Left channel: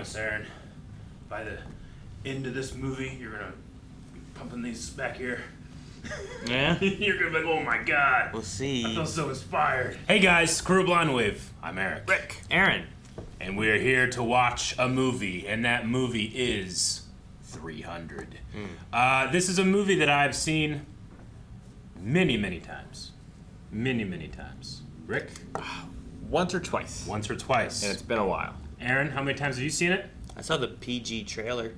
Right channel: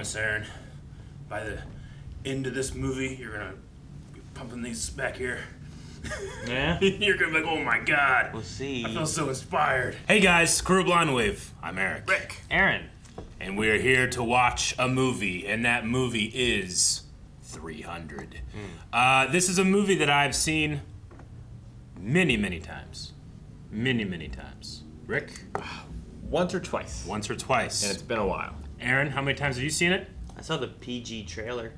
promise, Aaron, by the end of this movie, you're gonna be pumping these back here. Yeah? You're gonna be like, oh my god. We'll see. I feel so inspired. Hey guys, Crew Blind Wave. I'm Eric. Rick. Aaron. And we are here to watch a movie, and that movie is 300. This is a movie that I've seen many, many times. Many, many times. Rick? Once or twice. Once or twice. And it's been a while. Aaron, how many times have you seen it? I saw the PG trailer.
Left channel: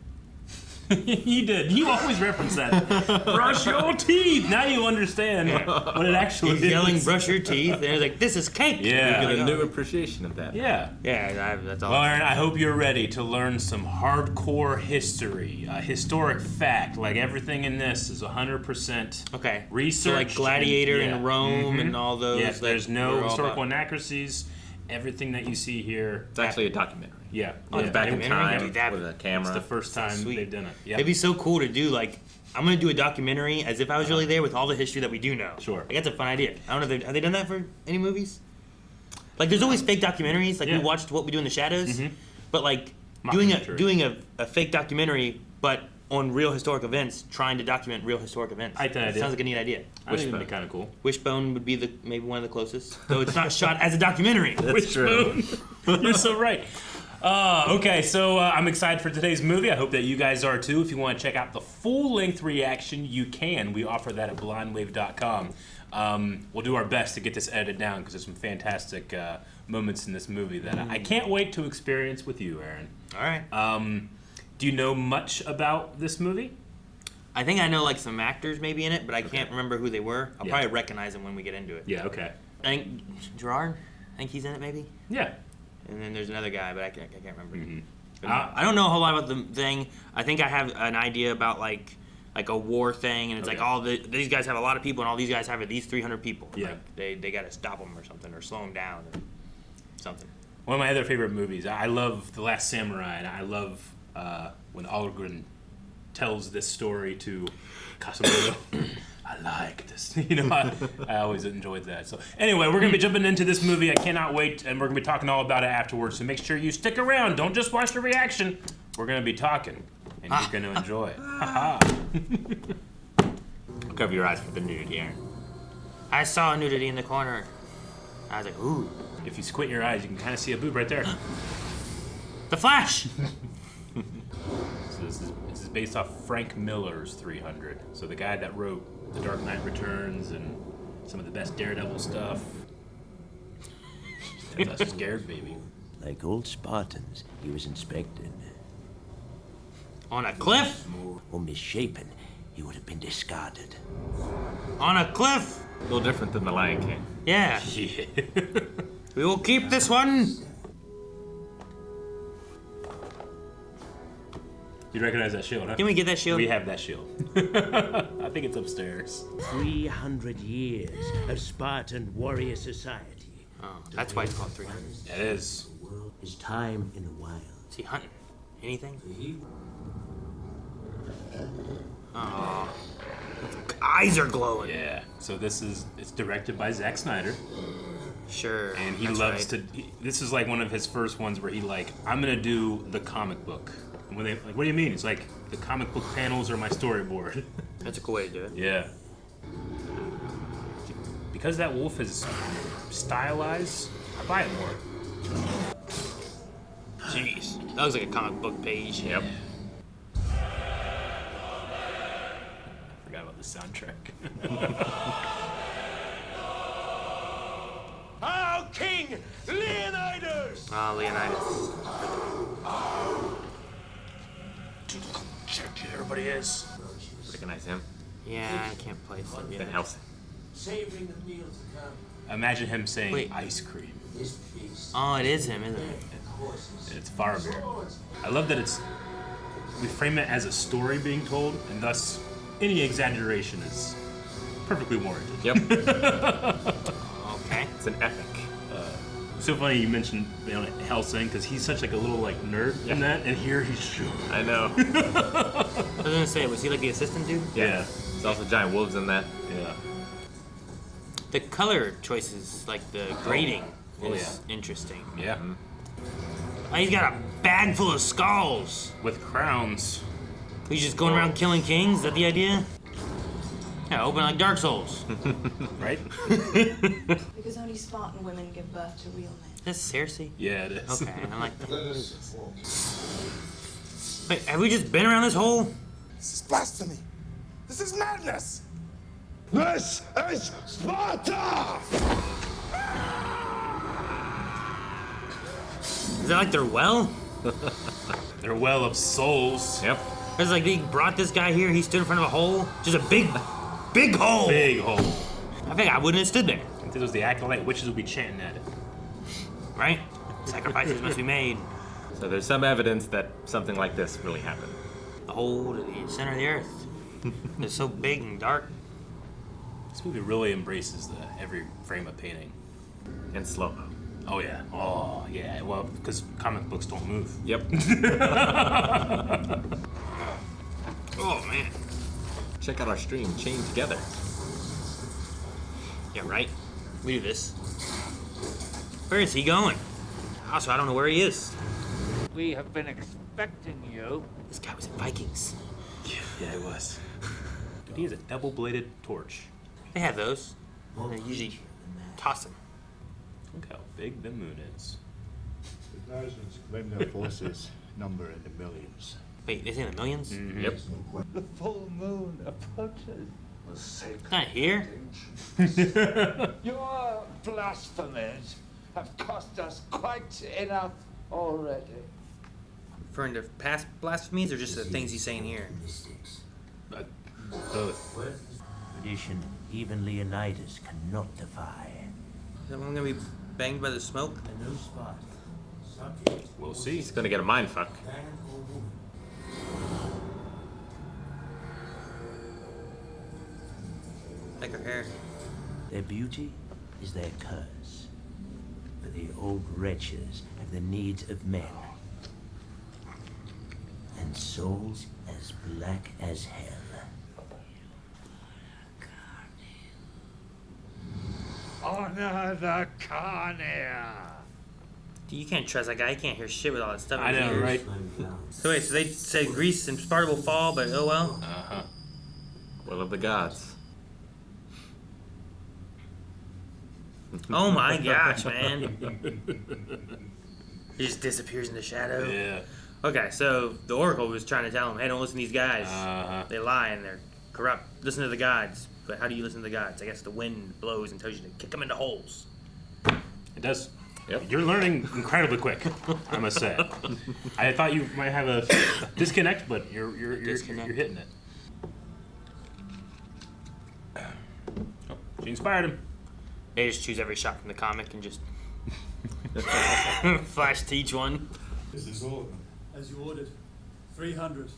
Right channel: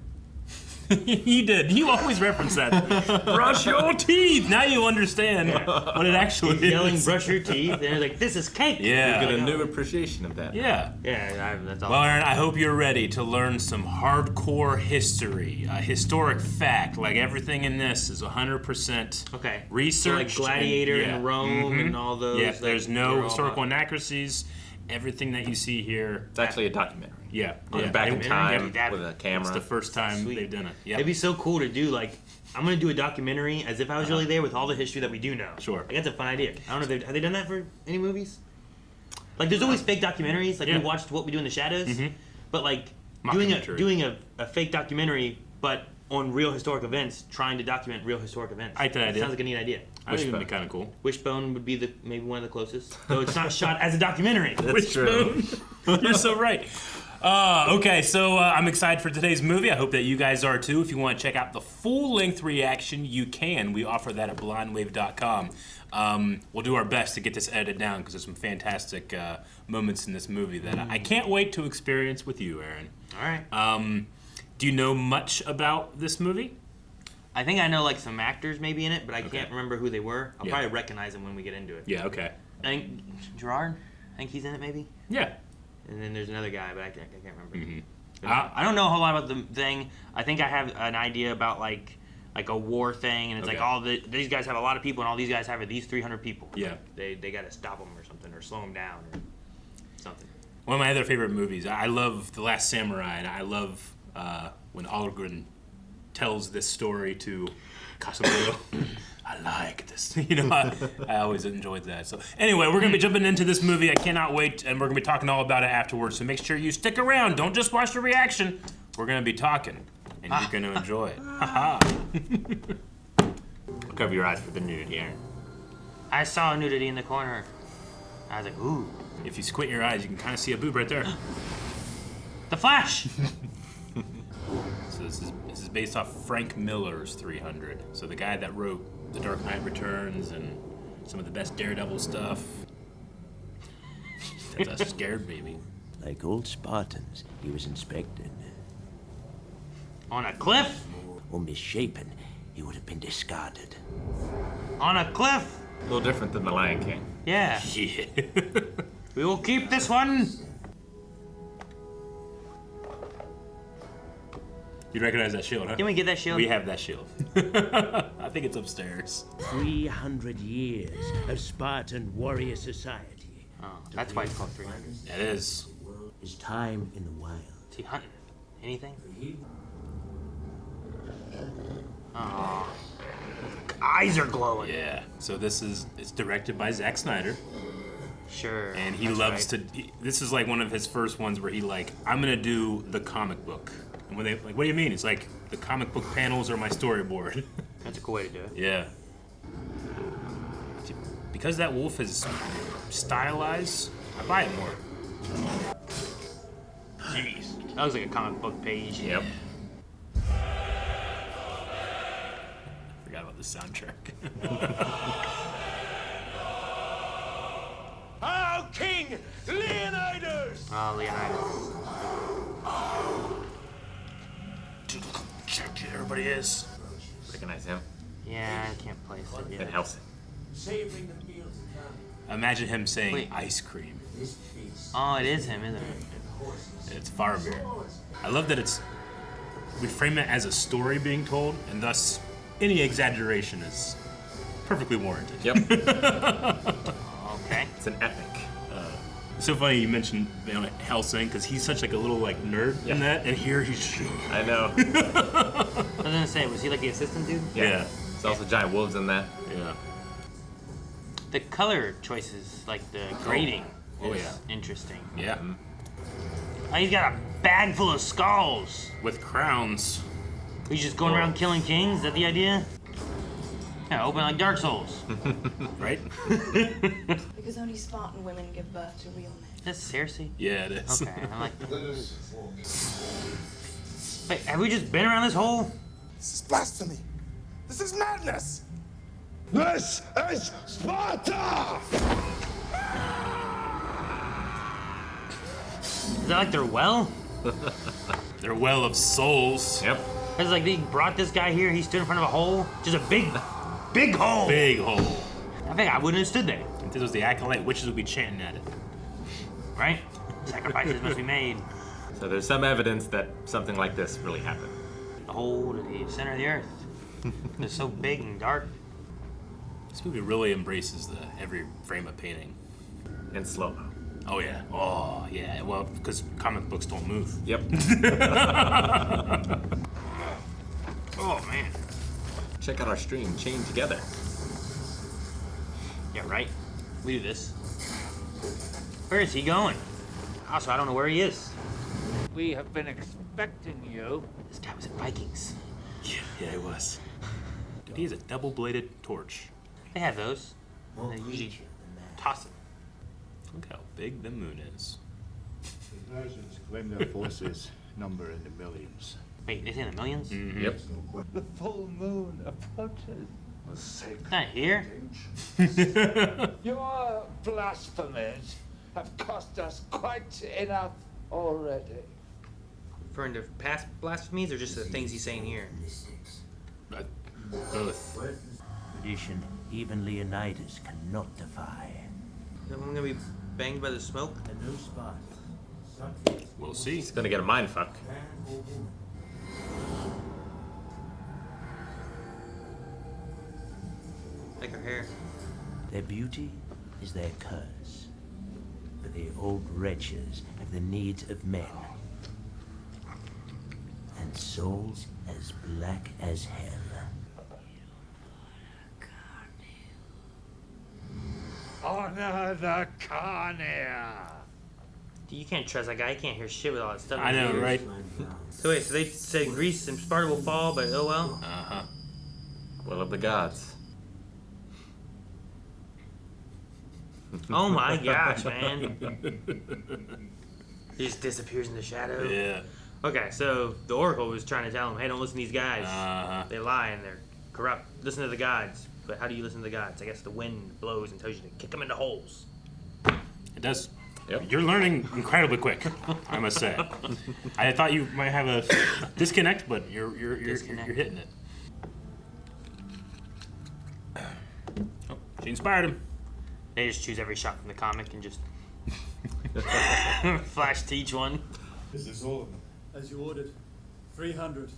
You did. You always reference that. Brush your teeth. Now you understand what it actually is. Yelling, brush your teeth. And they're like, this is cake. Yeah. We get a new appreciation of that. Yeah. Yeah, that's all. Well, Aaron, I hope you're ready to learn some hardcore history, historic fact. Like everything in this is 100% okay. research. So like Gladiator and Rome and all those. Yeah, there's no historical inaccuracies. Everything that you see here. It's actually a documentary. Yeah. Back in time Dude, with a camera. It's the first time they've done it. Yeah. It'd be so cool to do, like, I'm going to do a documentary as if I was really there with all the history that we do know. Sure. Like, that's a fun idea. I don't know if have they done that for any movies? Like, there's always fake documentaries. Like, we watched What We Do in the Shadows. But, like, doing a fake documentary, but on real historic events, trying to document real historic events. I like that idea. Sounds like a neat idea. I think it'd be kind of cool. Wishbone would be maybe one of the closest. Though it's not shot as a documentary. That's true. You're so right. Okay, so I'm excited for today's movie. I hope that you guys are too. If you want to check out the full-length reaction, you can. We offer that at blindwave.com. We'll do our best to get this edited down because there's some fantastic moments in this movie that I can't wait to experience with you, Aaron. All right. Do you know much about this movie? I think I know like some actors maybe in it, but I can't remember who they were. I'll probably recognize them when we get into it. Yeah, okay. I think Gerard, I think he's in it maybe. Yeah. And then there's another guy, but I can't remember. I don't know a whole lot about the thing. I think I have an idea about like a war thing, and it's like these guys have a lot of people, and all these guys have these 300 people. Yeah. Like, they got to stop them or something, or slow them down, or something. One of my other favorite movies. I love The Last Samurai, and I love when Algren tells this story to Casimiro. I like this. I always enjoyed that. So anyway, we're going to be jumping into this movie. I cannot wait, and we're going to be talking all about it afterwards. So make sure you stick around. Don't just watch the reaction. We're going to be talking, and you're going to enjoy it. Cover your eyes for the nudity, Aaron. I saw nudity in the corner. I was like, ooh. If you squint your eyes, you can kind of see a boob right there. The Flash! So this is based off Frank Miller's 300. So the guy that wrote The Dark Knight Returns and some of the best Daredevil stuff. That's a scared baby. Like old Spartans, he was inspected. On a cliff? Or misshapen, he would have been discarded. On a cliff? A little different than the Lion King. Yeah. Yeah. We will keep this one. You recognize that shield, huh? Can we get that shield? We have that shield. I think it's upstairs. 300 years of Spartan warrior society. Oh, that's why it's called 300. It is. His time in the wild. Is he hunting? Anything? Oh. Eyes are glowing. Yeah. So it's directed by Zack Snyder. Sure. And he loves to. This is like one of his first ones where he I'm gonna do the comic book. And when they what do you mean? It's like the comic book panels are my storyboard. That's a cool way to do it. Yeah. Because that wolf is stylized, I'll buy it more. Jeez. That looks like a comic book page. Yep. Forgot about the soundtrack. Our king, Leonidas! Oh, Leonidas. Dude, everybody is. Recognize him? Yeah, I can't place it. Van Helsing. Savoring the meals to come. Imagine him saying Wait. ice cream. This feast. Oh, it is him, isn't it? It's Faramir. I love that we frame it as a story being told, and thus any exaggeration is perfectly warranted. Yep. Okay. It's an epic. It's so funny you mentioned Helsing because he's such like a little nerd in that, and here he's sure. I know. I was gonna say, was he like the assistant dude? Yeah. There's also giant wolves in that. Yeah. The color choices, like the grading, Oh, is yeah. interesting. Yeah. He's got a bag full of skulls. With crowns. He's just going around killing kings. Is that the idea? Yeah, open like Dark Souls. Right? Because only Spartan women give birth to real men. That's heresy. Yeah, it is. Okay, I like that. Wait, have we just been around this hole? This is blasphemy. This is madness. This is Sparta! Is that like their well? Their well of souls. Yep. It's like they brought this guy here, he stood in front of a hole. Just a big hole. Big hole. I think I wouldn't have stood there. If this was the acolyte, witches would be chanting at it. Right? Sacrifices must be made. So there's some evidence that something like this really happened. The hole at the center of the earth. They're so big and dark. This movie really embraces the every frame of painting. And slow. Oh yeah. Oh yeah. Well, because comic books don't move. Yep. Oh man. Check out our stream, Chained Together. Yeah, right? We do this. Where is he going? Also, I don't know where he is. We have been expecting you. This guy was in Vikings. Yeah, he was. He has a double-bladed torch. They have those. They usually toss them. Look how big the moon is. The Persians claim their forces number in the millions. Wait, they say in the millions? Yep. The full moon approaches. It's not here. Your blasphemies have cost us quite enough already. Referring to past blasphemies or just the things he's saying here? Both. Tradition even Leonidas cannot defy. Am I gonna be banged by the smoke? And no Spartans. We'll see. He's gonna get a mind fuck. Like her hair. Their beauty is their curse. But the old wretches have the needs of men. And souls as black as hell. Honor the Carnea. You can't trust that guy. He can't hear shit with all that stuff. I know, right? So wait, so they say Greece and Sparta will fall, but oh well. Uh-huh. Will of the gods. Oh my gosh, man. He just disappears in the shadow. Yeah. Okay, so the Oracle was trying to tell him, hey, don't listen to these guys. Uh-huh. They lie and they're corrupt. Listen to the gods. But how do you listen to the gods? I guess the wind blows and tells you to kick them into holes. It does. Yep. You're learning incredibly quick, I must say. I thought you might have a disconnect, but you're hitting it. Oh, she inspired him. They just choose every shot from the comic and just flash to each one. Is this all of them? As you ordered. 300.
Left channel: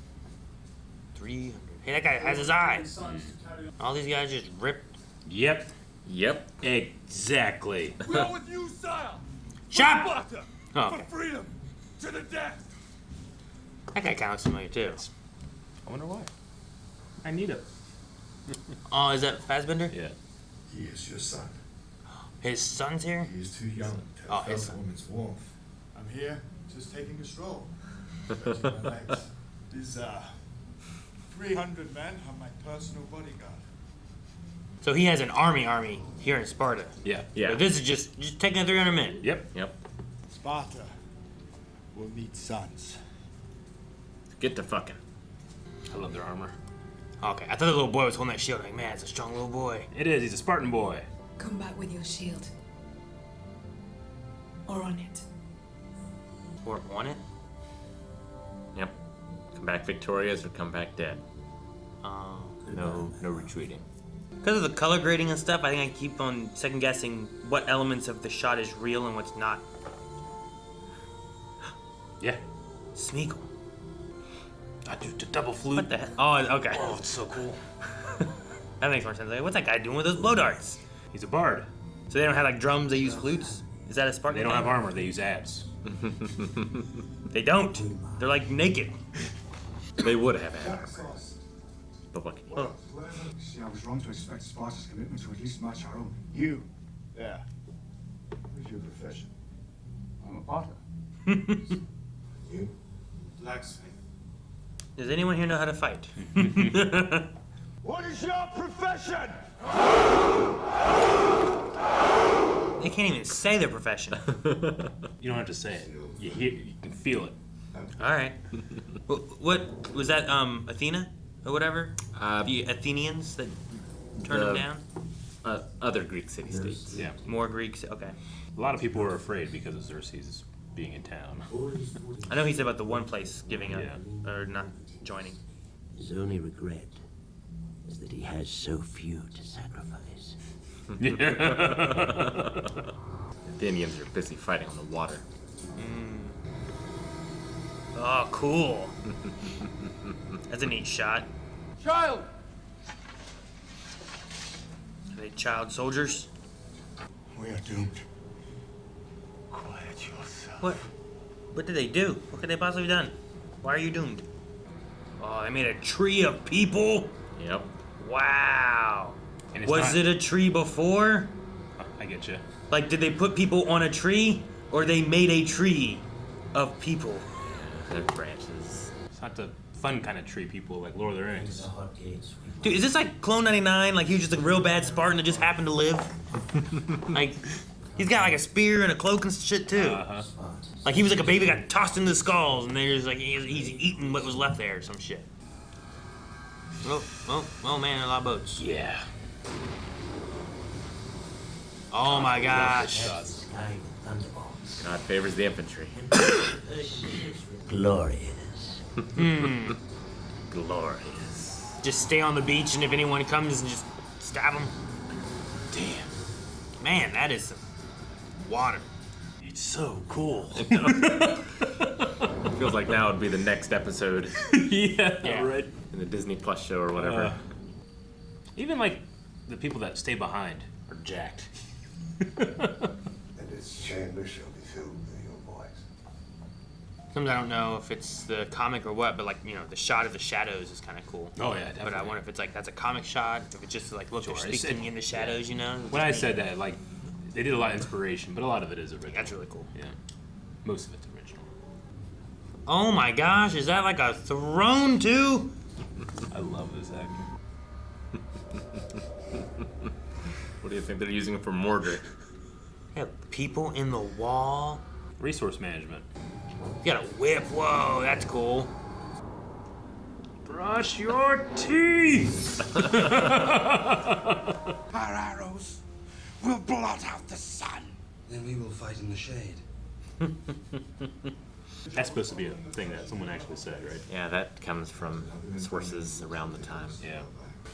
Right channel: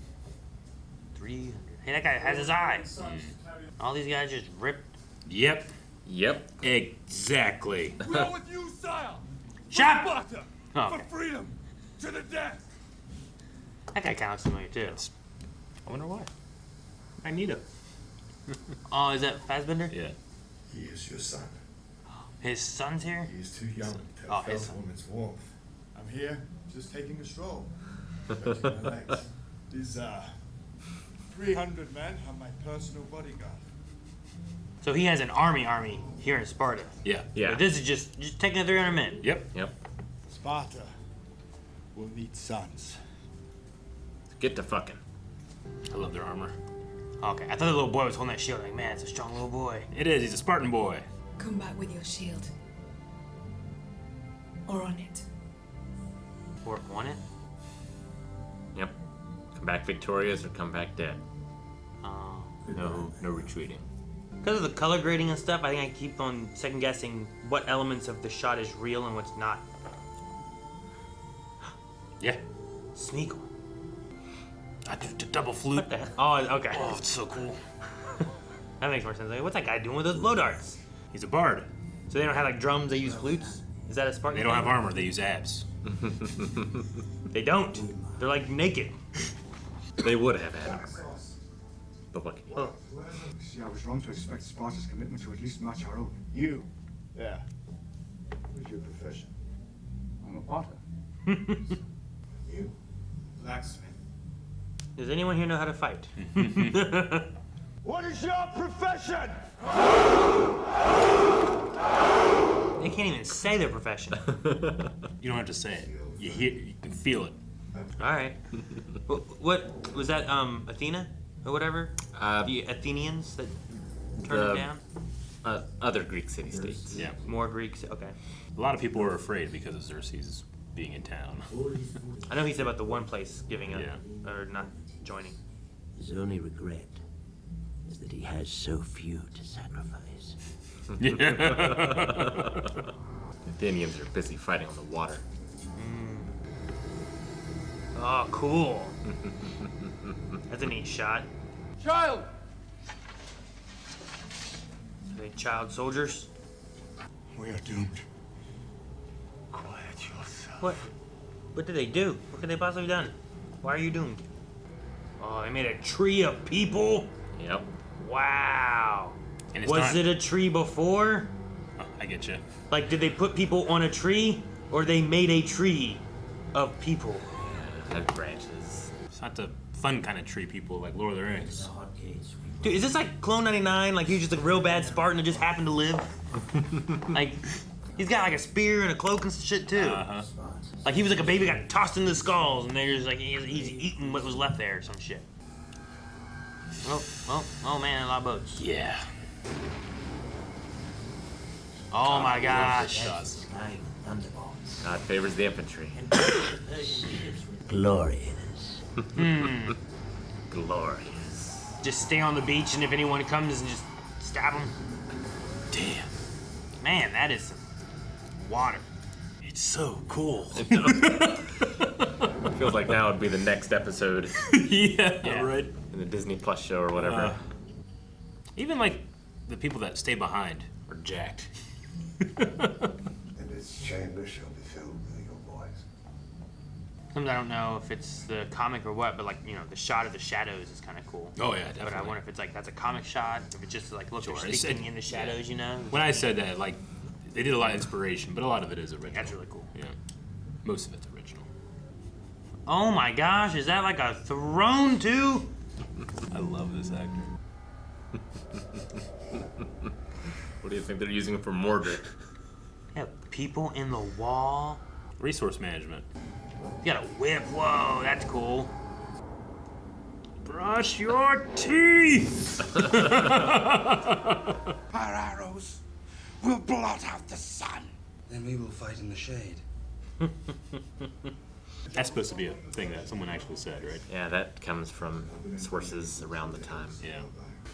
300. Hey, that guy has his eye. All these guys just rip. Yep. Yep. Exactly. We are with you, sire. Shot! Sparta. Oh, For okay. freedom. To the death. That guy kind of looks familiar too. I wonder why. Magneto. Oh, is that Fassbender? Yeah. He is your son. His son's here? He is too young to Oh, have his felt son. a woman's warmth. I'm here, just taking a stroll. Stretching my legs. These 300 men are my personal bodyguard. So he has an army here in Sparta. Yeah. Yeah. But this is just taking the 300 men. Yep. Yep. Sparta will need sons. Get to fucking. I love their armor. Okay, I thought the little boy was holding that shield. Like, man, it's a strong little boy. It is. He's a Spartan boy. Come back with your shield. Or on it. Or on it? Yep. Come back victorious or come back dead. Oh. No retreating. Because of the color grading and stuff, I think I keep on second guessing what elements of the shot is real and what's not. Yeah. Smeagol. I do the double flute. What the heck? Oh, okay. Oh, it's so cool. That makes more sense. Like, what's that guy doing with those blow darts? He's a bard. So they don't have like drums, they use flutes? Is that a Spartan They don't thing? have armor. They use abs. They don't. They're like naked. They would have had. But what? Oh. See, I was wrong to expect Sparta's commitment to at least match our own. You. Yeah. What's your profession? I'm a potter. You? Blacksmith. Does anyone here know how to fight? What is your profession? They can't even say their profession. You don't have to say it. You can feel it. All right. What was that? Athena or whatever? The Athenians that turned them down. Other Greek city-states. Yeah. More Greeks. Okay. A lot of people were afraid because of Xerxes being in town. I know he said about the one place giving up Yeah. or not joining. His only regret is that he has so few to sacrifice. Athenians are busy fighting on the water. Oh, cool. That's a neat shot. Child! Are they child soldiers? We are doomed. Quiet yourself. What did they do? What could they possibly have done? Why are you doomed? Oh, I made a tree of people? Yep. Wow. And it's Was it a tree before? Oh, I get you. Like, did they put people on a tree? Or they made a tree of people? And branches. It's not the fun kind of tree people like Lord of the Rings. Dude, is this like Clone 99? Like he was just a real bad Spartan that just happened to live? Like, he's got like a spear and a cloak and shit too. Like he was like a baby got tossed into the skulls and there's like he's eating what was left there or some shit. Oh man, a lot of boats. Yeah. Oh my gosh. Sky with thunderbolts. Now favors the infantry. Glorious. Glorious. Just stay on the beach and if anyone comes and just stab them. Damn. Man, that is some water. It's so cool. Feels like now would be the next episode yeah, right. in the Disney Plus show or whatever. Even like the people that stay behind are jacked. And its chamber shall be filled with your voice. Sometimes I don't know if it's the comic or what, but like, you know, the shot of the shadows is kind of cool. Oh yeah, definitely. But I wonder if it's like, that's a comic shot, if it's just like, look, Sure. they're sticking in the shadows, you know? When I said that, like, they did a lot of inspiration, but a lot of it is original. That's really cool. Yeah. Most of it's original. Oh my gosh, is that like a throne too? I love this actor. What do you think they're using it for Mordred? Yeah, people in the wall. Resource management. You got a whip, whoa, that's cool. Brush your teeth! Our arrows will blot out the sun. Then we will fight in the shade. That's supposed to be a thing that someone actually said, right? Yeah, that comes from sources around the time. Yeah.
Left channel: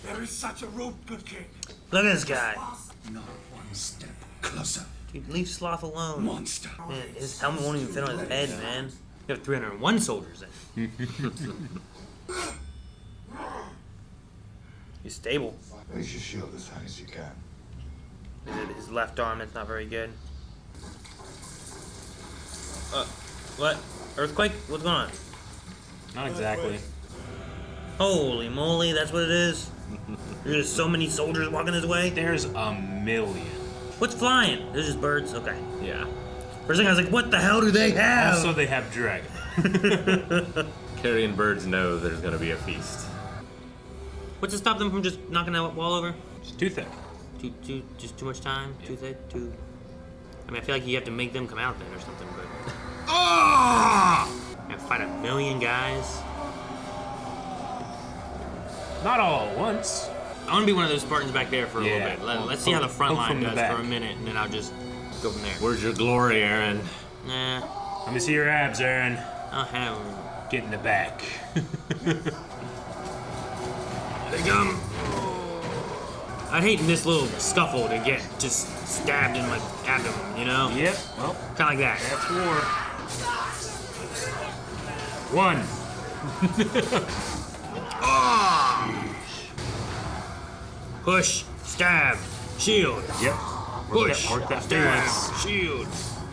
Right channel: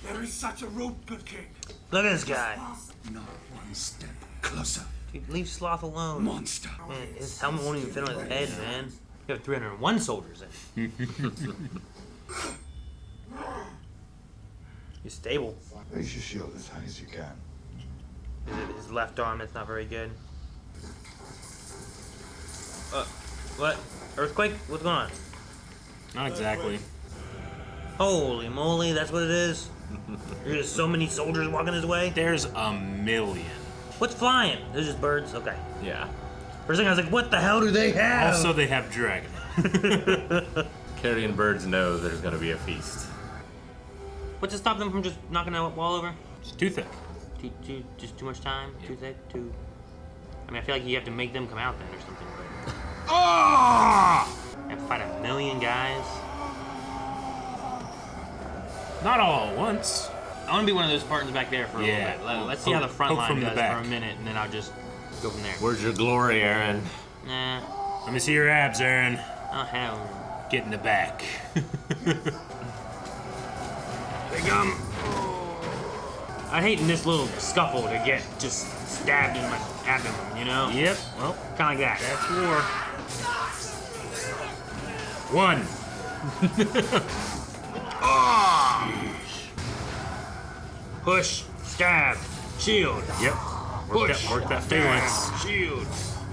There is such a route, good king. Look at this guy. Not one step closer. Leave Sloth alone. Monster. Man, his helmet won't even fit on his head, man. You have 301 soldiers in. He's stable. Raise your shield as high as you can. His left arm is not very good. What? Earthquake? What's going on? Not exactly. Holy moly, that's what it is? There's just so many soldiers walking this way? There's a million. What's flying? There's just birds? Okay. Yeah. For a second I was like, what the hell do they have? Also, they have dragon. Carrion birds know there's going to be a feast. What's to stop them from just knocking that wall over? It's too thick. Just too much time? Too thick? Too... I mean, I feel like you have to make them come out then or something. Oh! You have to fight a million guys. Not all at once. I want to be one of those Spartans back there for a little bit. Let's see how the front Poke line from the does back. for a minute, and then I'll just go from there. Where's your glory, Aaron? Nah. Let me see your abs, Aaron. I'll have Get in the back. They come. I hate in this little scuffle to get just stabbed in my abdomen, you know? Yep. Oh, Kind of like that. that's war. One. Push, stab, shield. Yep. Push, Work that Phalanx. stab, shield.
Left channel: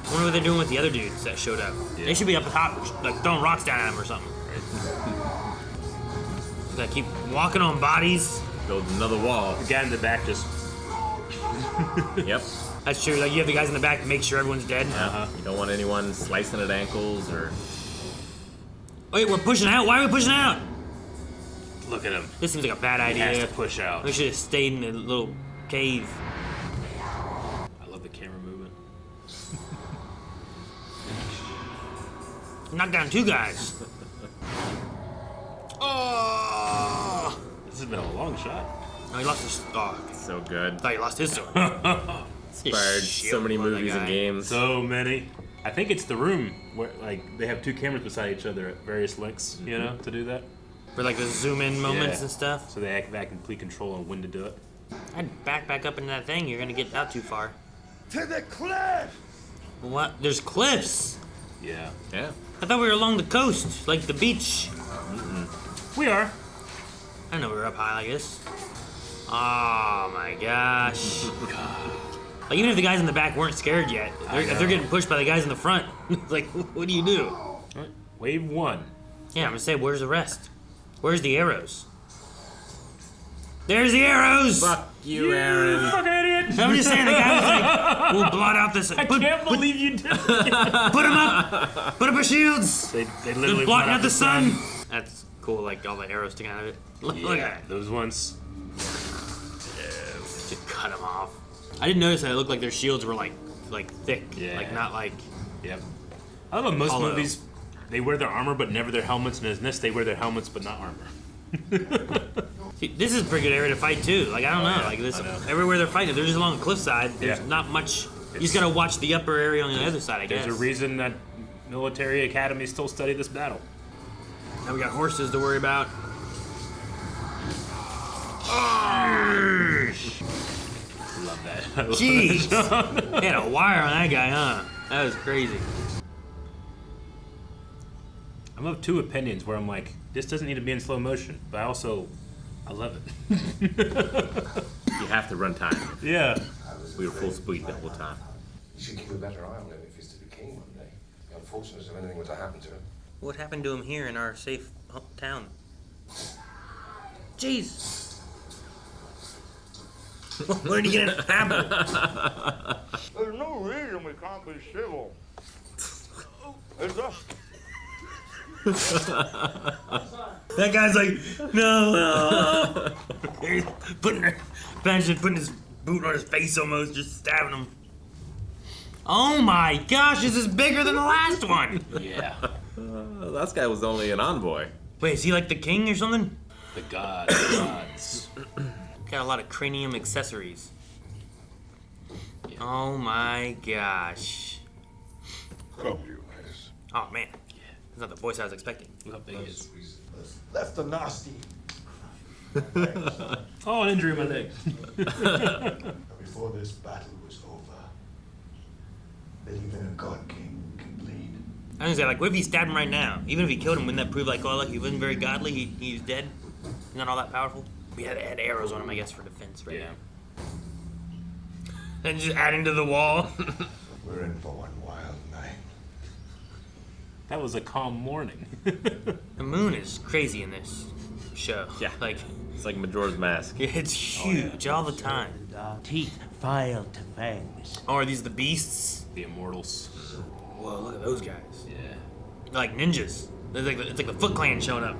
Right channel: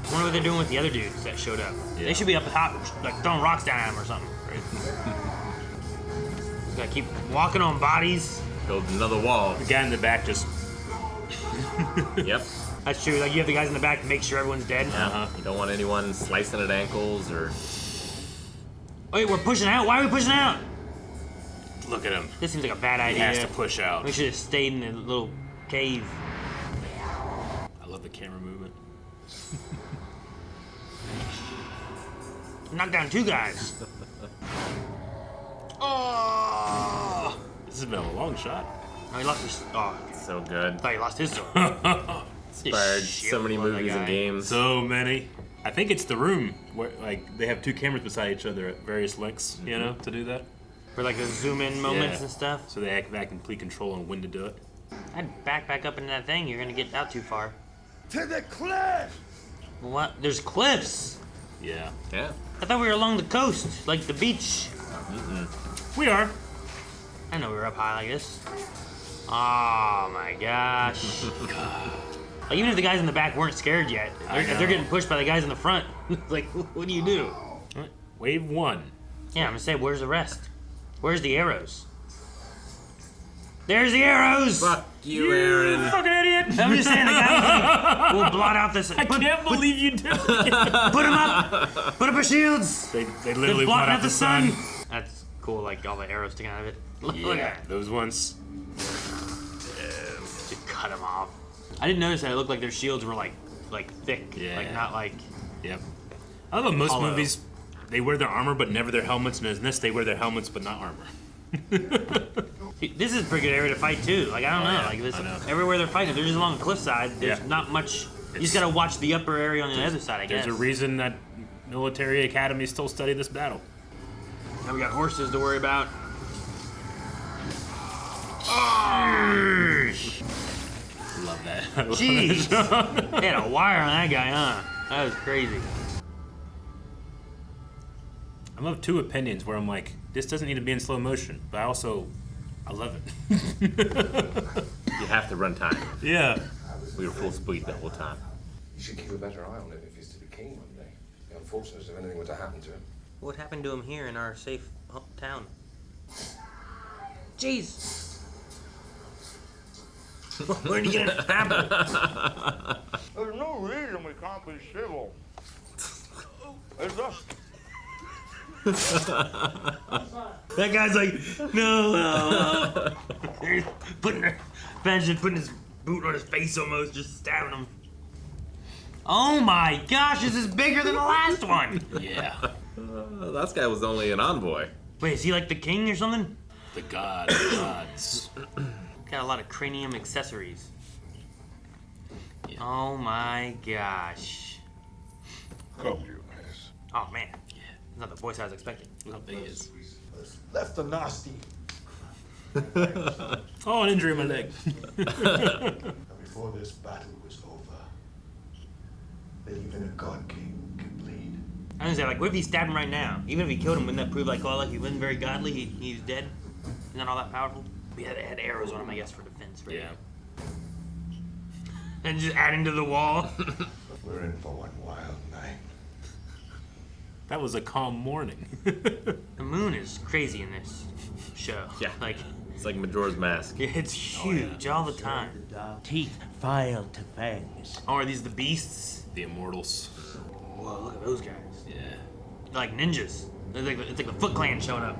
I wonder what they're doing with the other dudes that showed up. Yeah. They should be up top, like throwing rocks down at them or something. I keep walking on bodies. Build another wall. The guy in the back just. Yep. That's true. Like you have the guys in the back to make sure everyone's dead. You don't want anyone slicing at ankles or Wait, we're pushing out? Why are we pushing out? Look at him. This seems like a bad He idea. has to push out. We should have stayed in the little cave. I love the camera movement. Knock down 2 guys. Oh! This has been a long shot. Oh, he lost his. Oh, So good. I thought he lost his sword. Inspired so many movies and games. So many. I think it's the room where like they have 2 cameras beside each other at various lengths, you know, to do that. For like the zoom in moments Yeah. and stuff. So they have complete control on when to do it. I'd back up into that thing. You're gonna get out too far. To the cliff! What? There's cliffs. Yeah. Yeah. I thought we were along the coast, like the beach. We are. I know we were up high like this. Oh my gosh. Like, even if the guys in the back weren't scared yet, if they're getting pushed by the guys in the front, like, what do you do? Wave 1. Yeah, I'm gonna say, where's the rest? Where's the arrows? There's the arrows! Fuck you, Aaron. Fucking idiot! I'm just saying, the guys like, we'll blot out this. I can't believe you did it. Put them up! Put up our shields! They They're literally blotting blot out the sun! That's cool, like all the arrows sticking out of it. Look Yeah, at that. those ones. Just cut them off. I didn't notice that it looked like their shields were like thick. Yeah. Like not like. Yep. I love most Hollow. movies, they wear their armor but never their helmets, and in this they wear their helmets but not armor. See, this is a pretty good area to fight too. Like I don't know. Like this, everywhere they're fighting, they're just along the cliffside. There's Yeah. not much. You just gotta watch the upper area on the other side, I guess. There's a reason that military academies still study this battle. Now we got horses to worry about. Love that. I love Jeez. that. They had a wire on that guy, huh? That was crazy. I'm of 2 opinions where I'm like, this doesn't need to be in slow motion, but I love it. You have to run time. Yeah. We were full speed the whole time. You should keep a better eye on him if he's to be king one day. The unfortunate if anything were to happen to him. What happened to him here in our safe town? Jeez. Where did he get it happen? There's no reason we can't be civil. Is there? That guy's like, no. He's putting his boot on his face almost, just stabbing him. Oh my gosh, this is bigger than the last one. Yeah. That guy was only an envoy. Wait, is he like the king or something? The gods. Got a lot of cranium accessories. Yeah. Oh my gosh. Come, Leonidas. Oh man. Yeah. That's not the voice I was expecting. Look how big he is. Left a nasty. Oh, an injury in my leg. And before this battle was over, that even a god king can bleed. I was gonna say, like, what if he stabbed him right now? Even if he killed him, wouldn't that prove, like, oh, like, he wasn't very godly, he's dead? He's not all that powerful? We had arrows on him, I guess, for defense, right? Yeah. And just add him to the wall. We're in for one wild night. That was a calm morning. The moon is crazy in this show. Yeah. Like, It's like Majora's Mask. it's huge all the time. The dark teeth filed to fangs. Oh, are these the beasts? The immortals. Whoa, look at those guys. Yeah. They're like ninjas. It's like the Foot Clan showing up.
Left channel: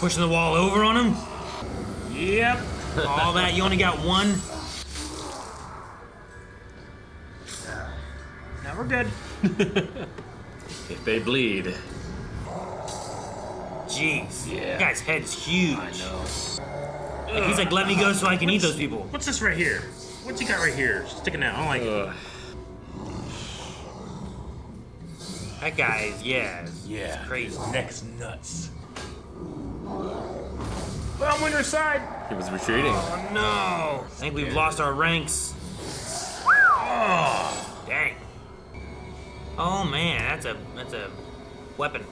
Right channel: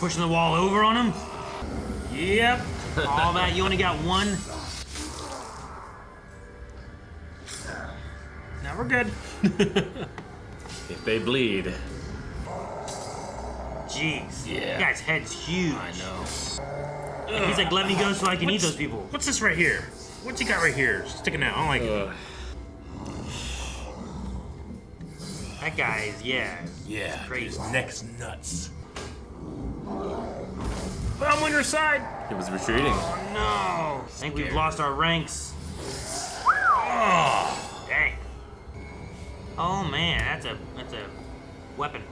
Pushing the wall over on him. Yep. All that, you only got one. Now we're good. If they bleed. Jeez. Yeah. That guy's head's huge. I know. He's like, let me go so I can eat those people. What's this right here? What you got right here? Sticking out. I don't like it. That guy is, yeah. Yeah. Crazy. His neck's nuts. I'm on your side. He was retreating. Oh no. I think we've lost our ranks. Oh. Dang. Oh man, that's a weapon.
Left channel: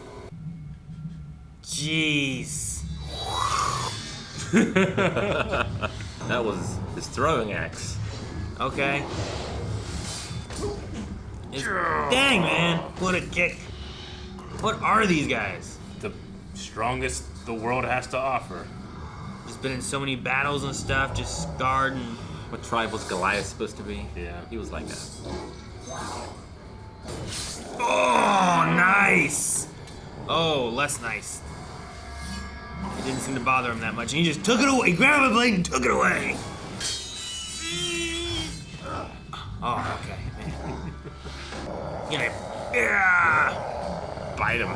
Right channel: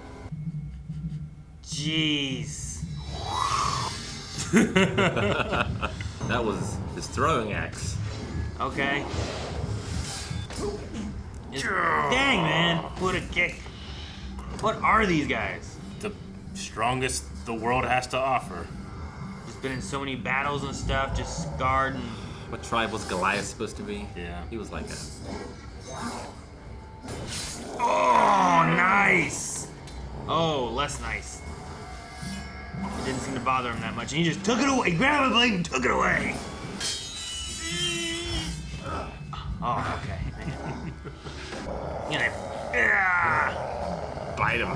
Jeez. That was his throwing axe. Okay. Dang, man. What a kick. What are these guys? The strongest the world has to offer. Just been in so many battles and stuff, just scarred and... What tribe was Goliath supposed to be? Yeah. He was like that. Oh, nice. less nice. It didn't seem to bother him that much. And he just took it away. He grabbed my blade and took it away. Oh, okay, man. Get him. Yeah. Bite him.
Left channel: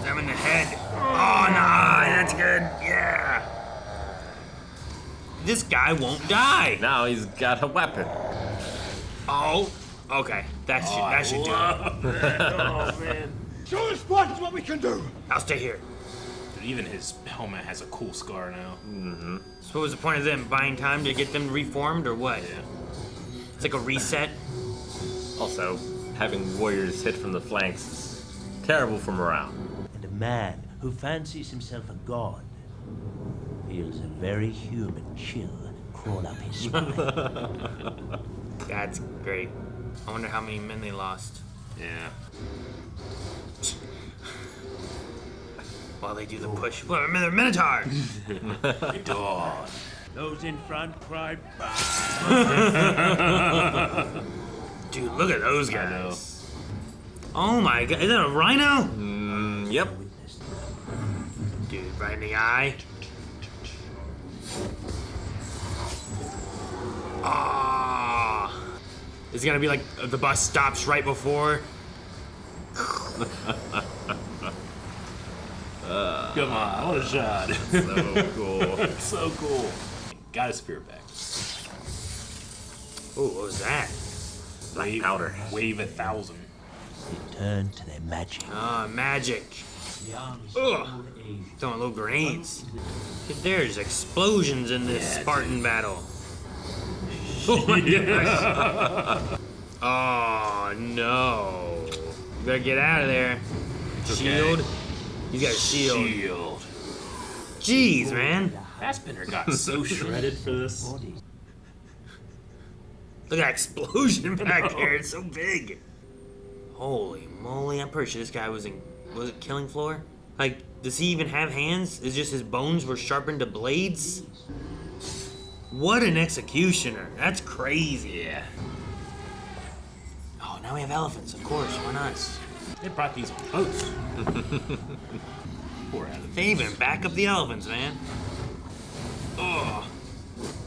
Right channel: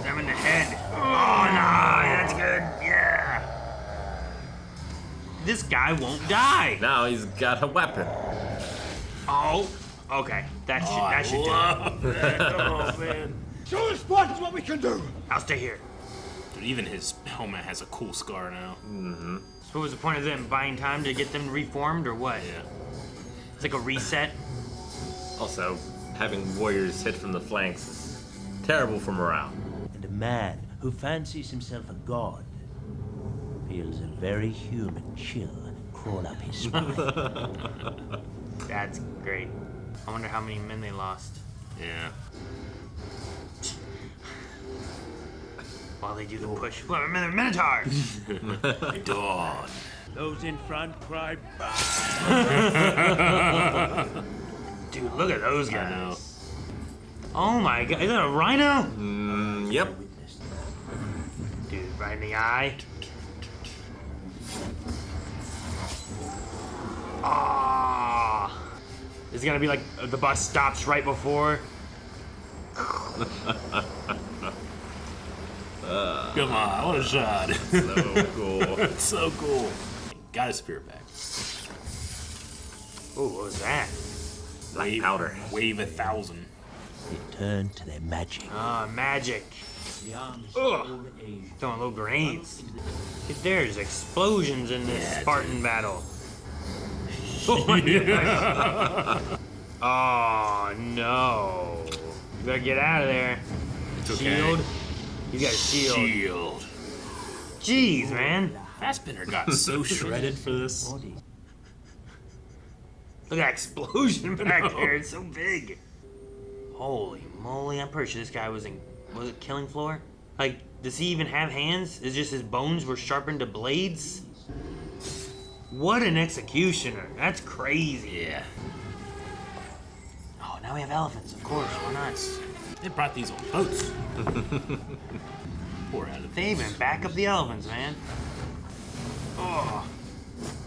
Stab him in the head. Oh, no. That's good. Yeah. This guy won't die. Now he's got a weapon. Oh. Okay. That should do it. Oh, man. Show us what we can do. I'll stay here. Dude, even his helmet has a cool scar now. Mm-hmm. So what was the point of them? Buying time to get them reformed or what? Yeah. It's like a reset. Also, having warriors hit from the flanks is terrible for morale. And a man who fancies himself a god feels a very human chill crawl up his spine. That's great. I wonder how many men they lost. Yeah. While they do the push. Well, they're Minotaurs! Dog. Those in front cry, Dude, look at those I know. guys. Oh my god, is that a rhino? Yep. Dude, right in the eye. Ah. Is it gonna be like the bus stops right before? Come on, what a shot. So cool. So cool. Got his spear back. Oh, what was that? Wave, powder. Wave 1,000. They turn to their magic. Ah, magic. Ugh. Throwing little grenades. There's explosions in this Yeah, Spartan battle. Oh my gosh. Oh no. Better get out of there. It's okay. Shield. He's got a shield. Shield. Jeez, man. Fassbender got so shredded for this. Look at that explosion back there. It's so big. Holy moly. I'm pretty sure this guy was it Killing Floor? Like, does he even have hands? It's just his bones were sharpened to blades? What an executioner. That's crazy. Yeah. Oh, now we have elephants. Of course. Why not? They brought these on boats. Poor elephants. They even back up the elephants, man. Oh.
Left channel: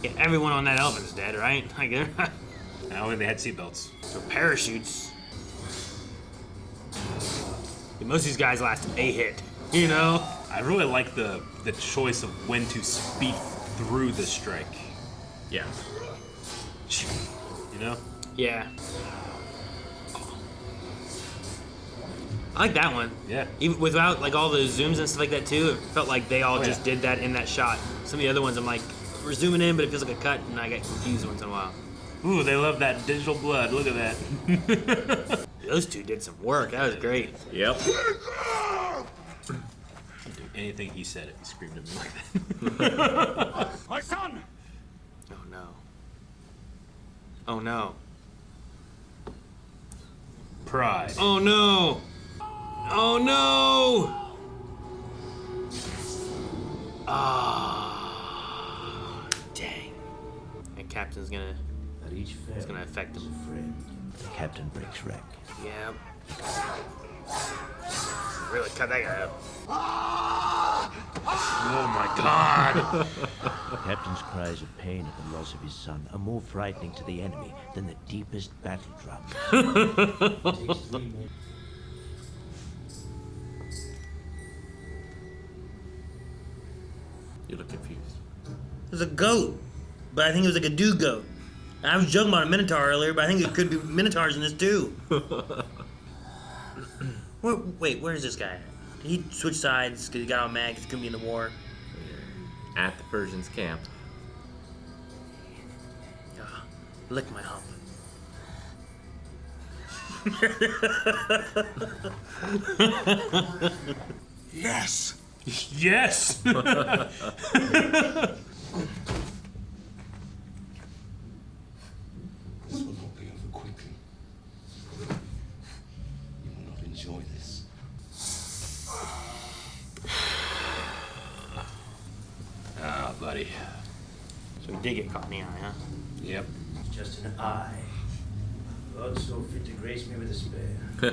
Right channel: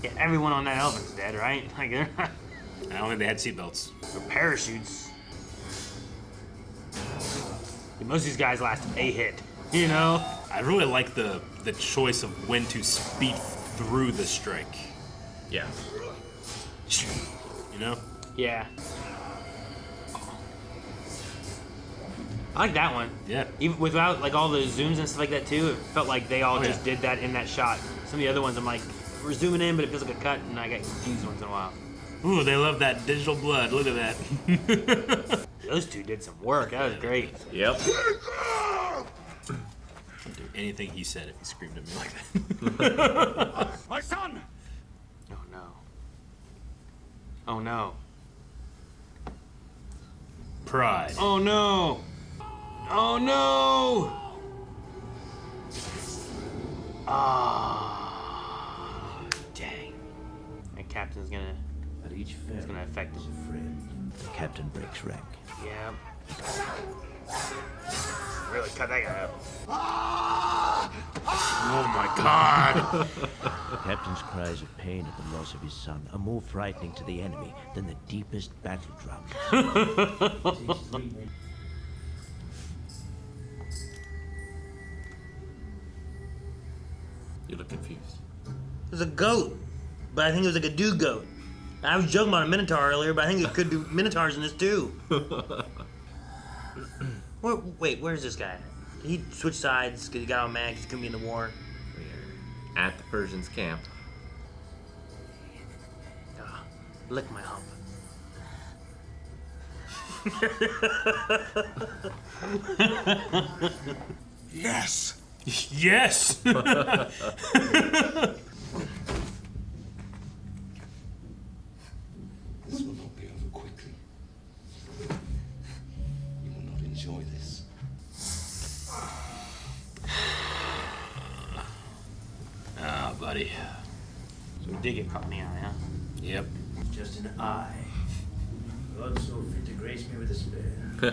Yeah, everyone on that elephant's dead, right? Like, they're not. I don't think they had seatbelts. Or parachutes. Most of these guys last a hit, you know? I really like the choice of when to speed through the strike. Yeah. You know? Yeah. I like that one. Yeah. Even without like all the zooms and stuff like that too, it felt like they all Oh, just yeah. did that in that shot. Some of the other ones I'm like, we're zooming in, but it feels like a cut, and I get confused once in a while. Ooh, they love that digital blood. Look at that. Those two did some work. That was great. Yep. I'd do anything he said if he screamed at me like that. My son! Oh no. Oh no. Pride. Oh no. Oh no. Ah, dang. The captain's gonna. At each fair, It's gonna affect is them. a friend. The captain breaks wreck. Yeah. Really cut that guy up. Oh my god. The captain's cries of pain at the loss of his son are more frightening to the enemy than the deepest battle drums. You look confused. It was a goat, but I think it was like a do goat. I was joking about a minotaur earlier, but I think it could be minotaurs in this too. Wait, where's this guy? Did he switch sides because he got all mad because he couldn't be in the war? We're at the Persians' camp. Lick my hump. Yes! Yes. This will not be over quickly. You will not enjoy this. Ah, buddy. So we did get caught in the eye, huh? Yep. It's just an eye. God so fit to grace me with a spare. I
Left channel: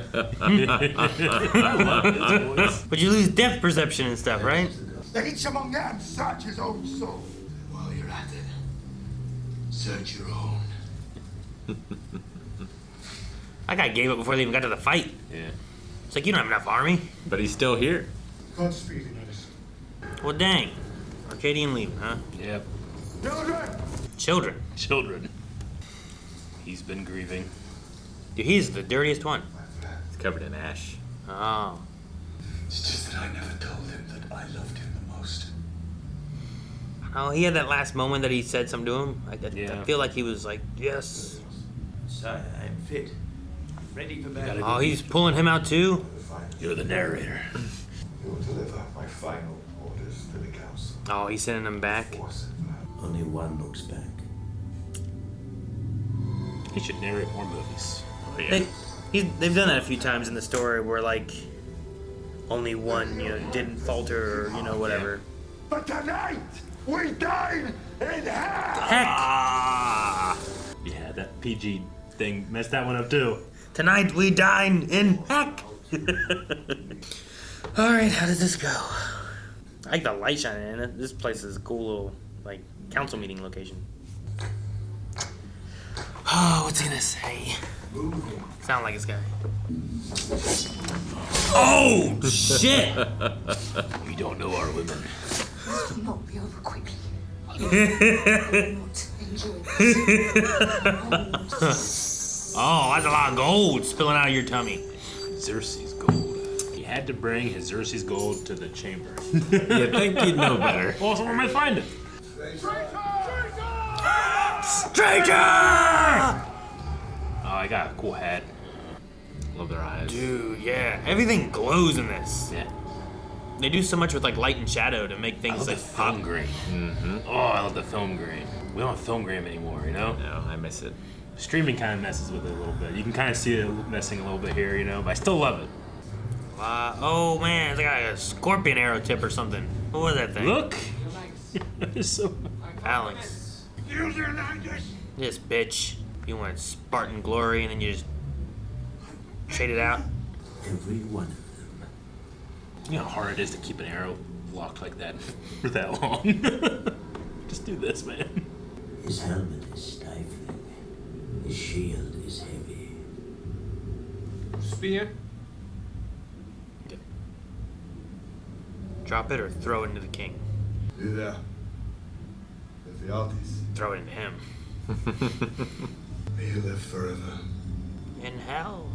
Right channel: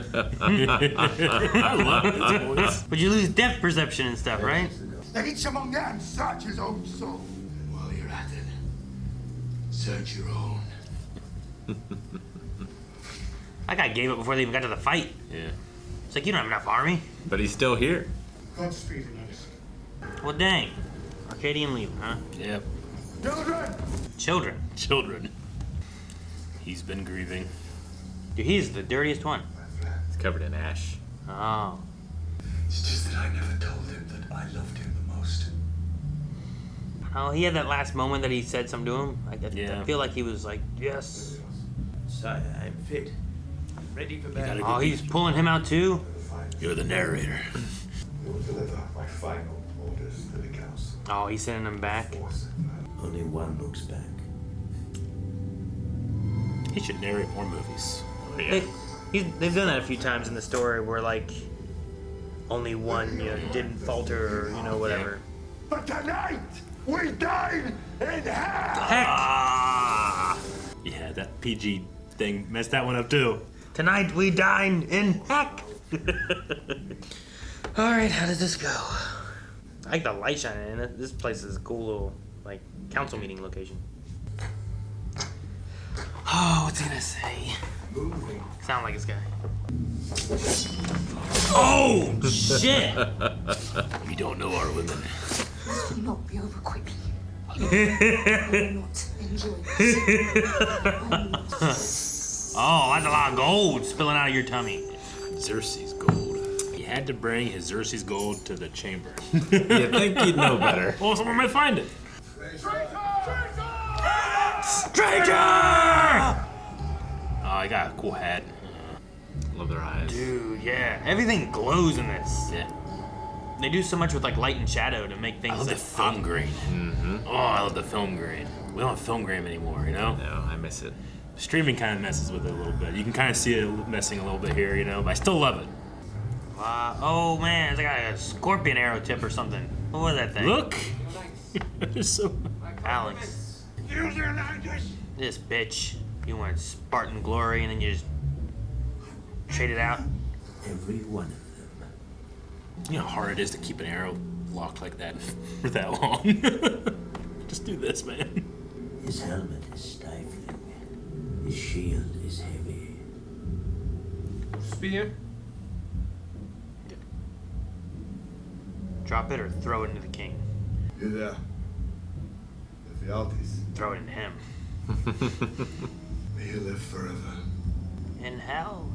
love this voice. But you lose depth perception and stuff, right? Let each among them search his own soul. While you're at it, search your own. That guy gave up before they even got to the fight. Yeah. It's like, you don't have enough army. But he's still here. Godspeed, Leonidas. Well, dang. Arcadian leaving, huh? Yep. Children! Children. He's been grieving. Dude, he's the dirtiest one. He's covered in ash. Oh. It's just that I never told him that I loved him the most. Oh, he had that last moment that he said something to him. Yeah. I feel like he was like, yes. Sire, I am fit. Ready for battle. Oh, he's pulling him out too? You're the narrator. You will deliver my final orders to the council. Oh, he's sending him back. Only one looks back. He should narrate more movies. Yeah. They've done that a few times in the story where, like, only one, didn't falter or, whatever. But tonight, we dine in hell! Yeah, that PG thing messed that one up too. Tonight we dine in heck! Alright, how does this go? I like the light shining in it. This place is a cool little, like, council meeting location. Oh, what's he gonna say? Moving. Sound like this guy. Oh, shit! We don't know our women. This will not be over quickly. I will not enjoy this. Oh, that's a lot of gold spilling out of your tummy. Xerxes gold. He had to bring his Xerxes gold to the chamber. You'd think you'd know better. Well, someone might find it. Traitor! Oh, I got a cool hat. Love their eyes. Dude, yeah. Everything glows in this. Yeah. They do so much with, like, light and shadow to make I things love the like film pop. grain. Mm-hmm. Oh, I love the film grain. We don't have film grain anymore, No, I miss it. Streaming kind of messes with it a little bit. You can kind of see it messing a little bit here, but I still love it. Oh, man. It's like a scorpion arrow tip or something. What was that thing? Look! It's so... Phalanx. Use your language! This bitch. You want Spartan glory and then you just trade it out? Every one of them. You know how hard it is to keep an arrow locked like that for that long. Just do this, man. His helmet is stifling. His shield is heavy. Spear? Drop it or throw it into the king? You there? Ephialtes. Throw it into him. May you live forever. In hell?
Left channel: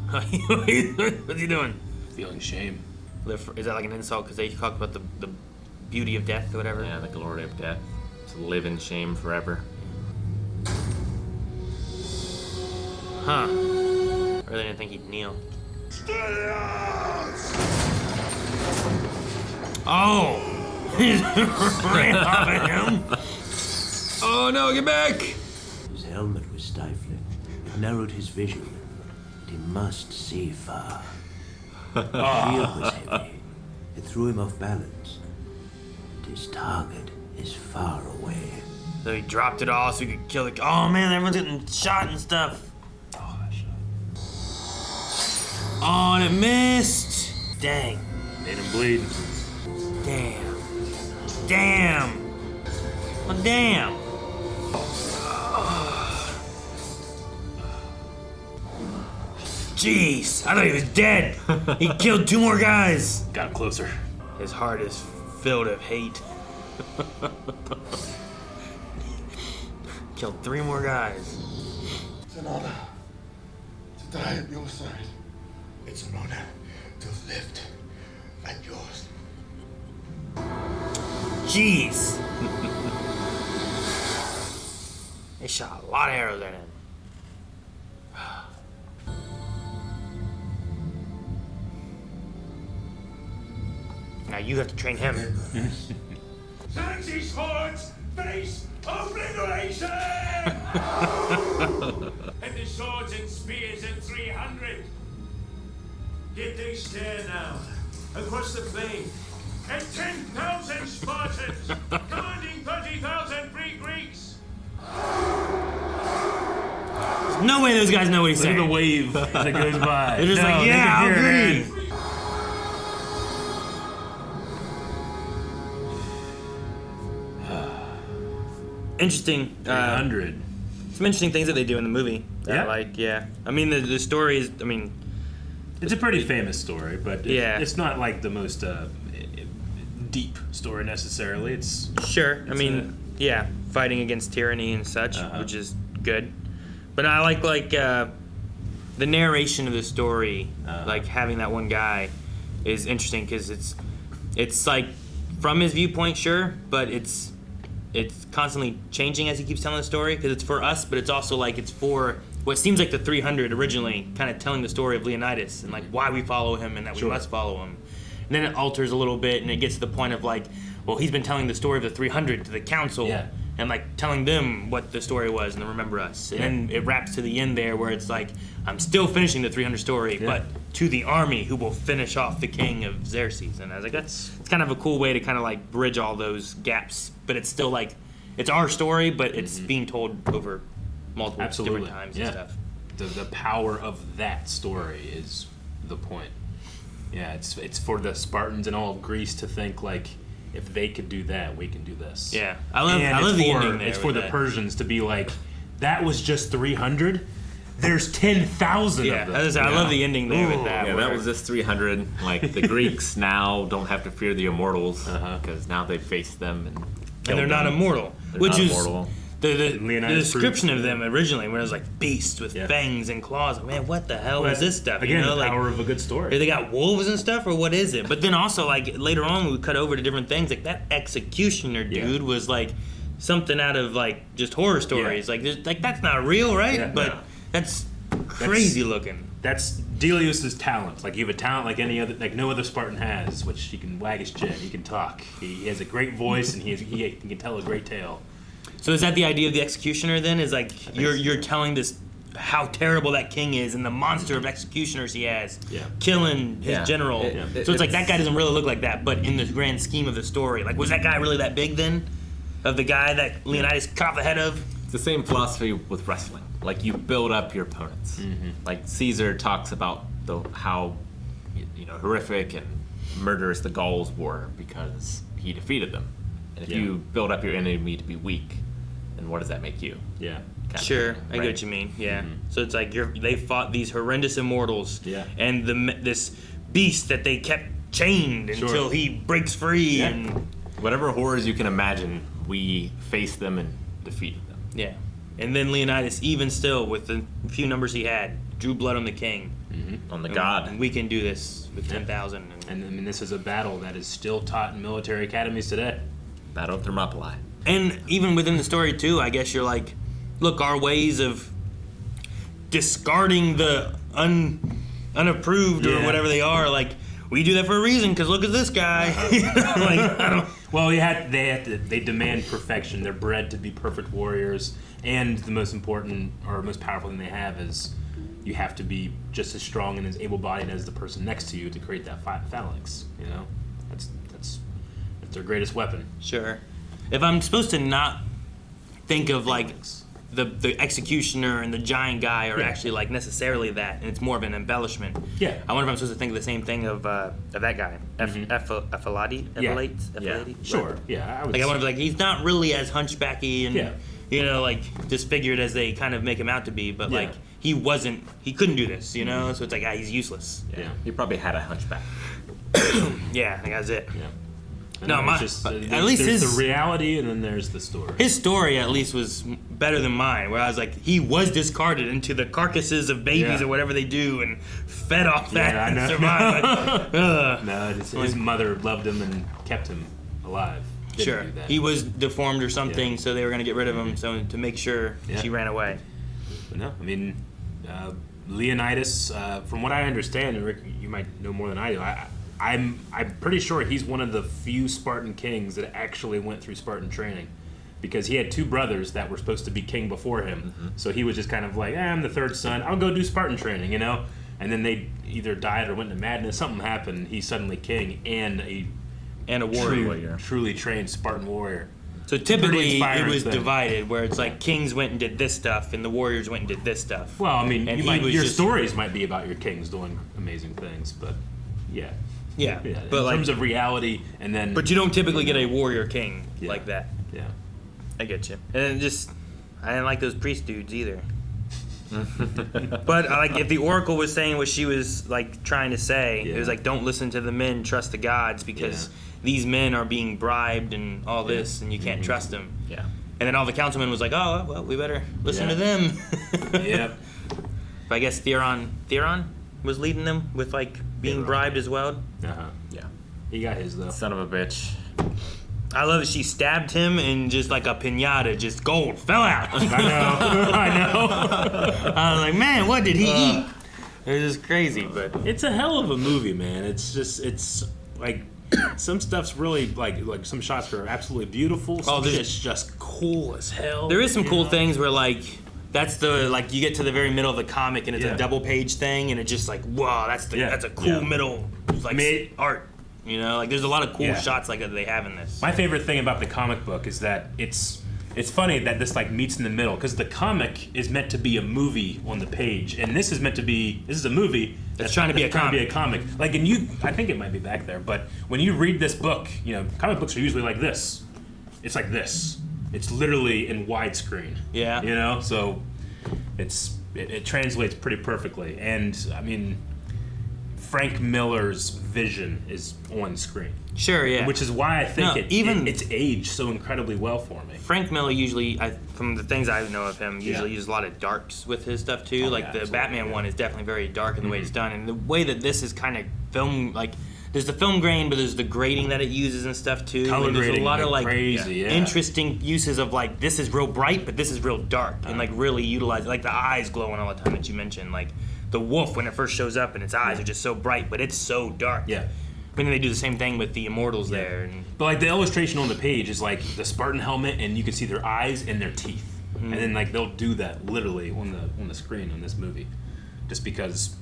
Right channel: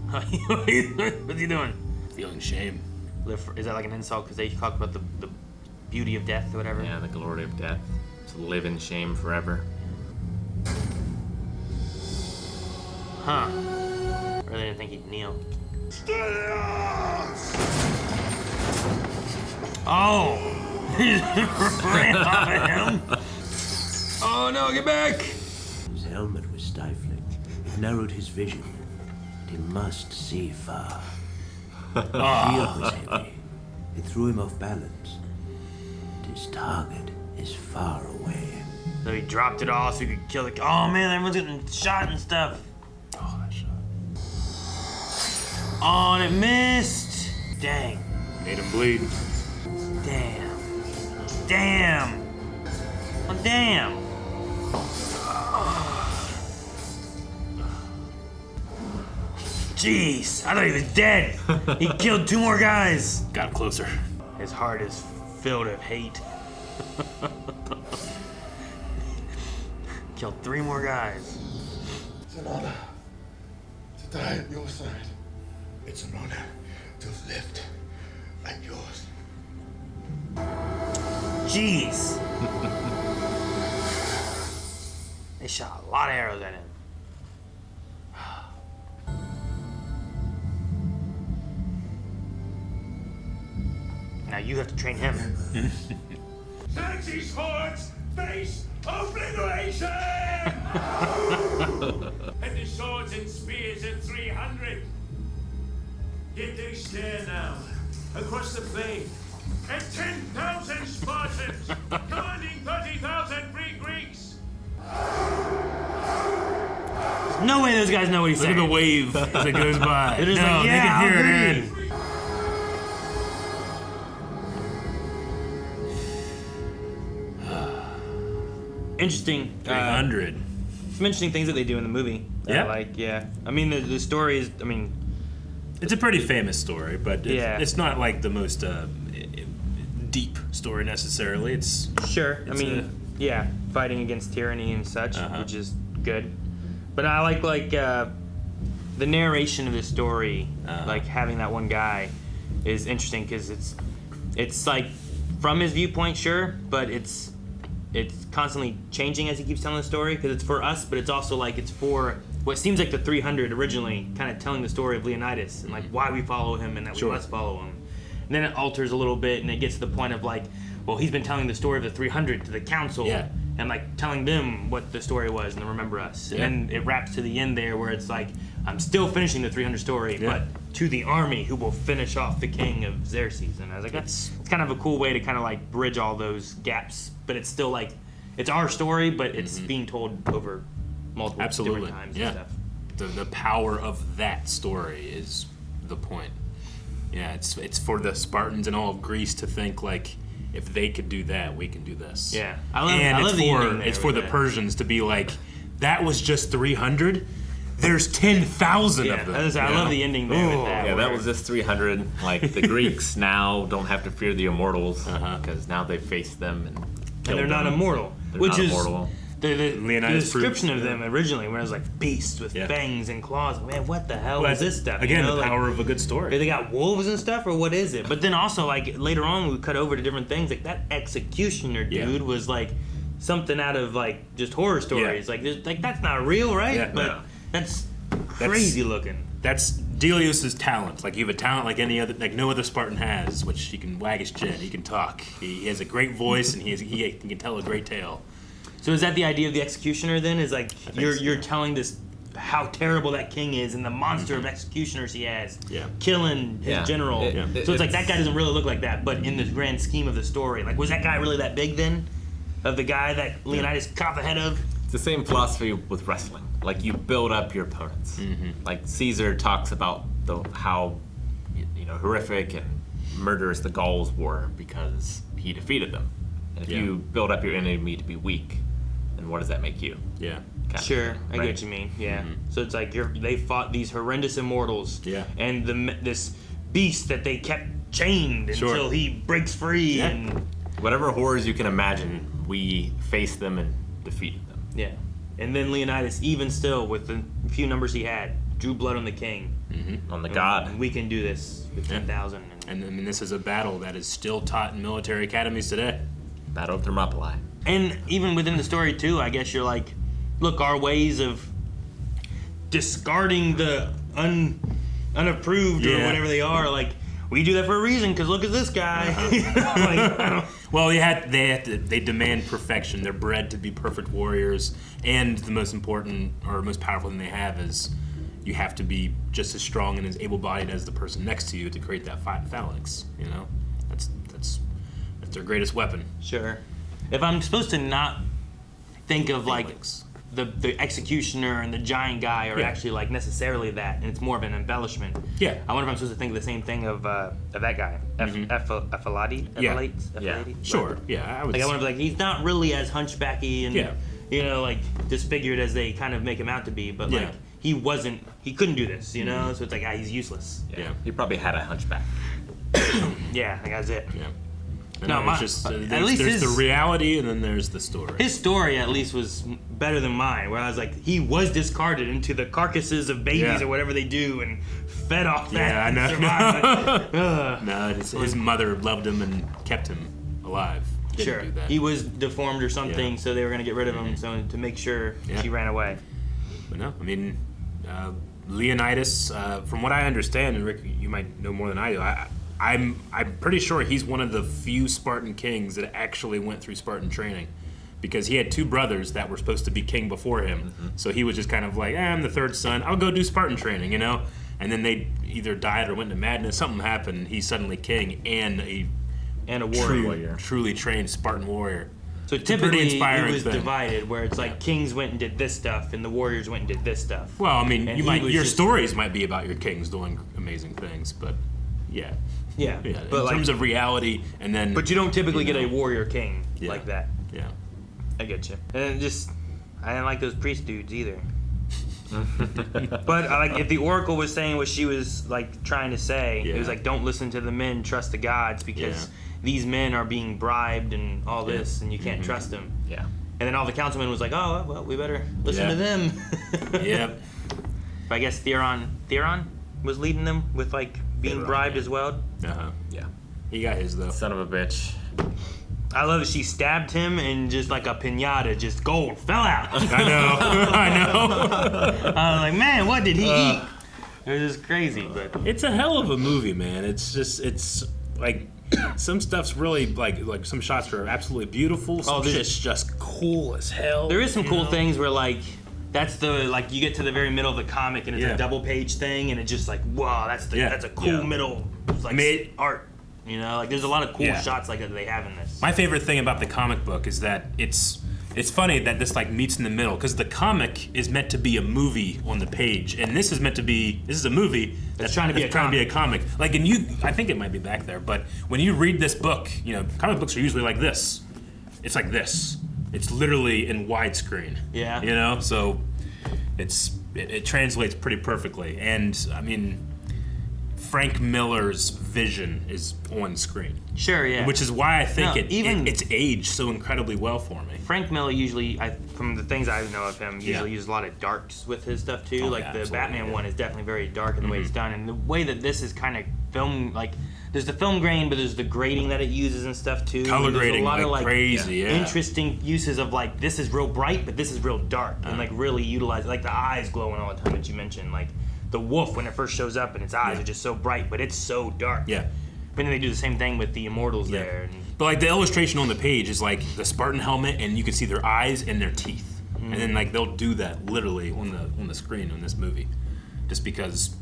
What's he doing? Feeling shame. Is that like an insult because they talk about the beauty of death or whatever? Yeah, the glory of death. To live in shame forever. Huh. I really didn't think he'd kneel. Oh! He ran off at him! Oh no, get back! His helmet was stifling. It narrowed his vision. And he must see far. His shield was heavy. It threw him off balance. And his target is far away. So he dropped it all so he could kill the... Oh man, everyone's getting shot and stuff. Oh, that shot. Oh, and it missed! Dang. Made him bleed. Damn. Damn. Oh, damn. Jeez, I thought he was dead. He killed 2 more guys. Got closer. His heart is filled with hate. Killed 3 more guys. It's an honor to die at your side. It's an honor to have lived at yours. Jeez. They shot a lot of arrows at him. Now you have to train him. Xerxes' hordes face obliteration! And the swords and spears at 300. Yet they stare now across the plain at 10,000 Spartans commanding 30,000 free Greeks. No no way those guys know what he's Look saying. at the wave as it goes by. They're just no, like, they yeah, can hear I'll it, agree. man. Interesting. 300. Some interesting things that they do in the movie. Yeah. I mean, the story is, I mean... It's a pretty famous story, but it's not like the most deep story necessarily. It's fighting against tyranny and such, which is good. But I like the narration of the story, like having that one guy is interesting because it's like from his viewpoint, sure, but it's constantly changing as he keeps telling the story because it's for us, but it's also like it's for what seems like the 300 originally, kind of telling the story of Leonidas and like why we follow him and that we must follow him. And then it alters a little bit and it gets to the point of like, well, he's been telling the story of the 300 to the council and like telling them what the story was and to remember us. And then it wraps to the end there where it's like, I'm still finishing the 300 story, but to the army who will finish off the king of Xerxes. And I was like, it's kind of a cool way to kind of like bridge all those gaps, but it's still like, it's our story, but it's being told over multiple different times and stuff. The power of that story is the point. Yeah, it's for the Spartans and all of Greece to think like, if they could do that, we can do this. Yeah, I love the ending there. It's for the Persians to be like, that was just 300. There's 10,000 of them. I love the ending there with that. Yeah, that was just 300. Like the Greeks now don't have to fear the immortals because now they face them and kill they're them. not immortal, which is the description of them yeah. originally, where it was like beasts with fangs and claws. Like, man, what the hell is this stuff? Again, you know, the power of a good story. They got wolves and stuff, or what is it? But then also, like later on, we cut over to different things. Like that executioner dude was like something out of like just horror stories. Like that's not real, right? Yeah. But that's crazy looking. That's Delius's talent. Like you have a talent like any other, like no other Spartan has, which he can wag his chin, he can talk, he has a great voice, and he can tell a great tale. So is that the idea of the executioner then? Is like you're telling this how terrible that king is and the monster of executioners he has, killing his general. So it's like that guy doesn't really look like that, but in the grand scheme of the story, like was that guy really that big then? Of the guy that Leonidas cut off the head of? It's the same philosophy with wrestling. Like you build up your opponents. Like Caesar talks about how horrific and murderous the Gauls were because he defeated them. And if you build up your enemy to be weak, then what does that make you? Yeah. Sure, I get what you mean. Yeah. So it's like they fought these horrendous immortals. Yeah. And this beast that they kept chained until he breaks free and whatever horrors you can imagine, we faced them and defeated them. Yeah. And then Leonidas, even still with the few numbers he had, drew blood on the king. On the god. And we can do this with 10,000. And I mean, this is a battle that is still taught in military academies today. Battle of Thermopylae. And even within the story too, I guess you're like, look, our ways of discarding the unapproved or whatever they are, like we do that for a reason because look at this guy. Well, they demand perfection. They're bred to be perfect warriors, and the most important or most powerful thing they have is you have to be just as strong and as able-bodied as the person next to you to create that phalanx. You know, that's their greatest weapon. Sure. If I'm supposed to not think of like the executioner and the giant guy are actually like necessarily that, and it's more of an embellishment. Yeah. I wonder if I'm supposed to think of the same thing of that guy, Ephialtes. Yeah. Sure. Yeah. I would. Like I wonder, like he's not really as hunchbacky and like disfigured as they kind of make him out to be, but like he couldn't do this, you know. So it's like he's useless. Yeah. He probably had a hunchback. Yeah, I think that's it. Yeah. No, at least there's the reality, and then there's the story. His story, at least, was better than mine. Where I was like, he was discarded into the carcasses of babies or whatever they do, and fed off that and survived. No, his mother loved him and kept him alive. Didn't do that. He was deformed or something, so they were going to get rid of him, so to make sure she ran away. But no, I mean, Leonidas, from what I understand, and Rick, you might know more than I do. I'm pretty sure he's one of the few Spartan kings that actually went through Spartan training, because he had two brothers that were supposed to be king before him. So he was just kind of like, I'm the third son, I'll go do Spartan training, you know? And then they either died or went into madness, something happened, he's suddenly king and a warrior. Truly trained Spartan warrior. So It's a pretty typically it inspiring was thing. divided, where it's like kings went and did this stuff, and the warriors went and did this stuff. Well, I mean, And you he might, was your just- stories might be about your kings doing amazing things, but yeah. Yeah, Yeah, but in like, terms of reality, and then. but you don't typically get a warrior king like that. Yeah. I get you. And I didn't like those priest dudes either. But like, if the oracle was saying what she was like trying to say, it was like, don't listen to the men, trust the gods, because these men are being bribed and all this, and you can't trust them. Yeah. And then all the councilmen was like, oh well, we better listen to them. Yep. But I guess Theron was leading them with like being Theron, bribed yeah. as well. Yeah. He got his though. Son of a bitch. I love it. She stabbed him and just like a pinata, just gold fell out. I know. I was like, man, what did he eat? It was just crazy, but It's a hell of a movie, man. It's like some stuff's really like some shots are absolutely beautiful. Some shit's just cool as hell. there is some cool know? things where like that's the like you get to the very middle of the comic and it's a double page thing and it's just like wow, that's a cool middle like art. You know, like there's a lot of cool shots like that they have in this. My favorite thing about the comic book is that it's funny that this like meets in the middle because the comic is meant to be a movie on the page, and this is a movie that's trying to be a comic. Like, and I think it might be back there, but when you read this book, you know, comic books are usually like this. It's like this. It's literally in widescreen. Yeah. You know, so it translates pretty perfectly, and I mean, Frank Miller's vision is on screen. Sure, yeah. Which is why I think it's aged so incredibly well for me. Frank Miller usually, from the things I know of him, usually uses a lot of darks with his stuff too. The Batman one is definitely very dark in the way it's done, and the way that this is kind of filmed, like there's the film grain, but there's the grading that it uses and stuff too. Color and there's grading a lot of like crazy, interesting uses of like this is real bright, but this is real dark, and like really utilize like the eyes glowing all the time that you mentioned, like the wolf when it first shows up and its eyes are just so bright, but it's so dark. Yeah. But then they do the same thing with the immortals there. And But like the illustration on the page is like the Spartan helmet, and you can see their eyes and their teeth, and then like they'll do that literally on the screen on this movie, just because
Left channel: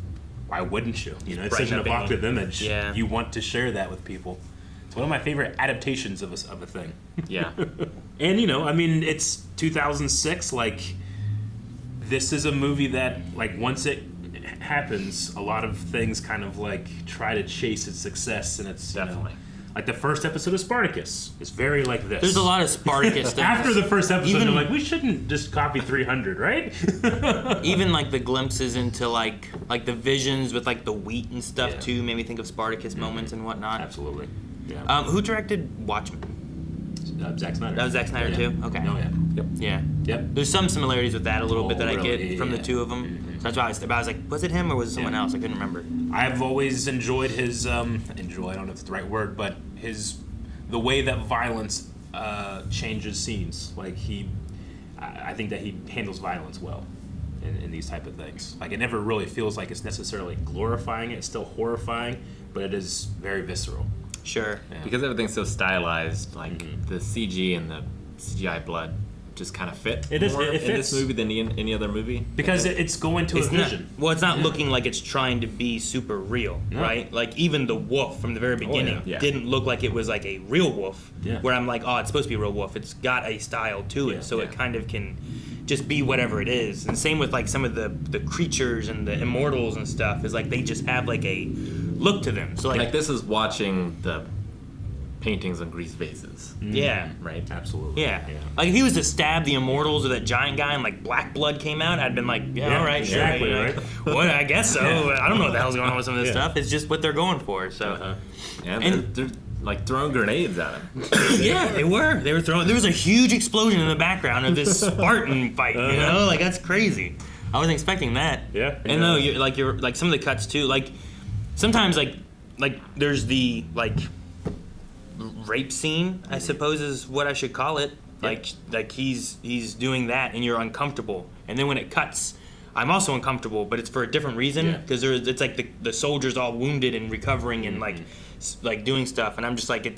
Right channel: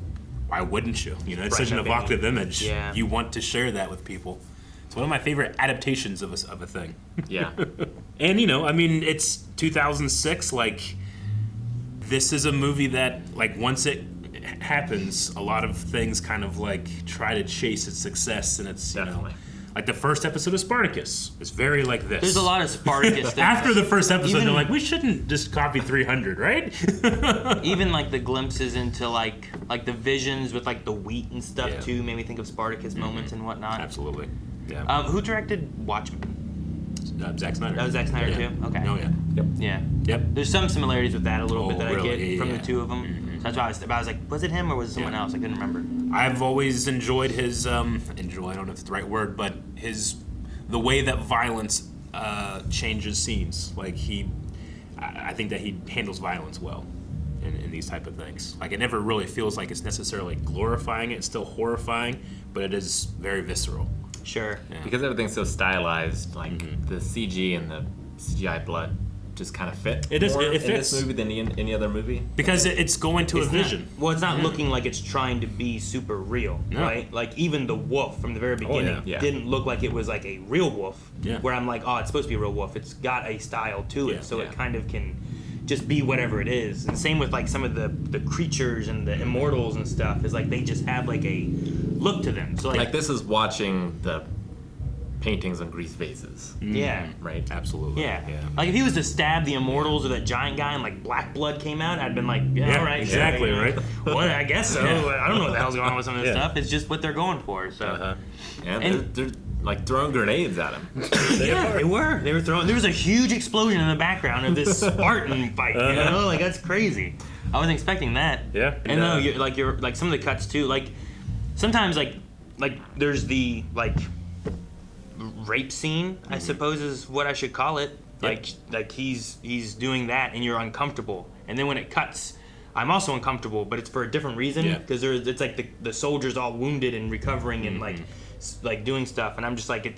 why wouldn't you? You know, it's such an evocative image. Yeah. You want to share that with people. It's one of my favorite adaptations of a thing. Yeah. And you know, I mean, it's 2006. Like, this is a movie that like once it happens, a lot of things kind of like try to chase its success, and it's you know, like the first episode of Spartacus is very like this. there's a lot of Spartacus stuff. After the first episode, Even- they're like, we shouldn't just copy 300, right? Even like the glimpses into like the visions with like the wheat and stuff too made me think of Spartacus moments and whatnot. Absolutely. Yeah. Who directed Watchmen? Zack Snyder. That was Zack Snyder too? Okay. Oh yeah. Yep. Yeah. Yep. There's some similarities with that a little bit that I really? get from the Yeah. two of them. So that's why I was like, was it him or was it someone else? I couldn't remember. I've always enjoyed his I don't know if it's the right word, but the way that violence changes scenes. Like I think that he handles violence well in these type of things. Like it never really feels like it's necessarily glorifying it. It's still horrifying, but it is very visceral. Sure. Yeah. Because everything's so stylized, like the CG and the CGI blood just kind of fit It is- more it in fits. this movie than any other movie. Because it's going to It's a not- vision. well, it's not looking like it's trying to be super real, No. right? Like even the wolf from the very beginning yeah. didn't look like it was like a real wolf. Yeah. Where I'm like, oh, it's supposed to be a real wolf. It's got a style to it, so it kind of can just be whatever it is. And same with like some of the creatures and the immortals and stuff is like they just have like a look to them. So Like this is watching the paintings on grease vases. Yeah. Right? Absolutely. Yeah. Like if he was to stab the immortals or that giant guy and like black blood came out, I'd been like, yeah, all right, exactly, sure, right? Well, I guess so. Yeah. I don't know what the hell's going on with some of this Yeah. stuff. It's just what they're going for. So And they're like throwing grenades at him. yeah, they were. They were throwing. There was a huge explosion in the background of this Spartan fight. You know, like that's crazy. I wasn't expecting that. Yeah. And no, you're like some of the cuts too. Like sometimes like there's the like rape scene, I suppose is what I should call it. Like he's doing that and you're uncomfortable, and then when it cuts, I'm also uncomfortable, but it's for a different reason because it's like the soldiers all wounded and recovering and like doing stuff, and I'm just like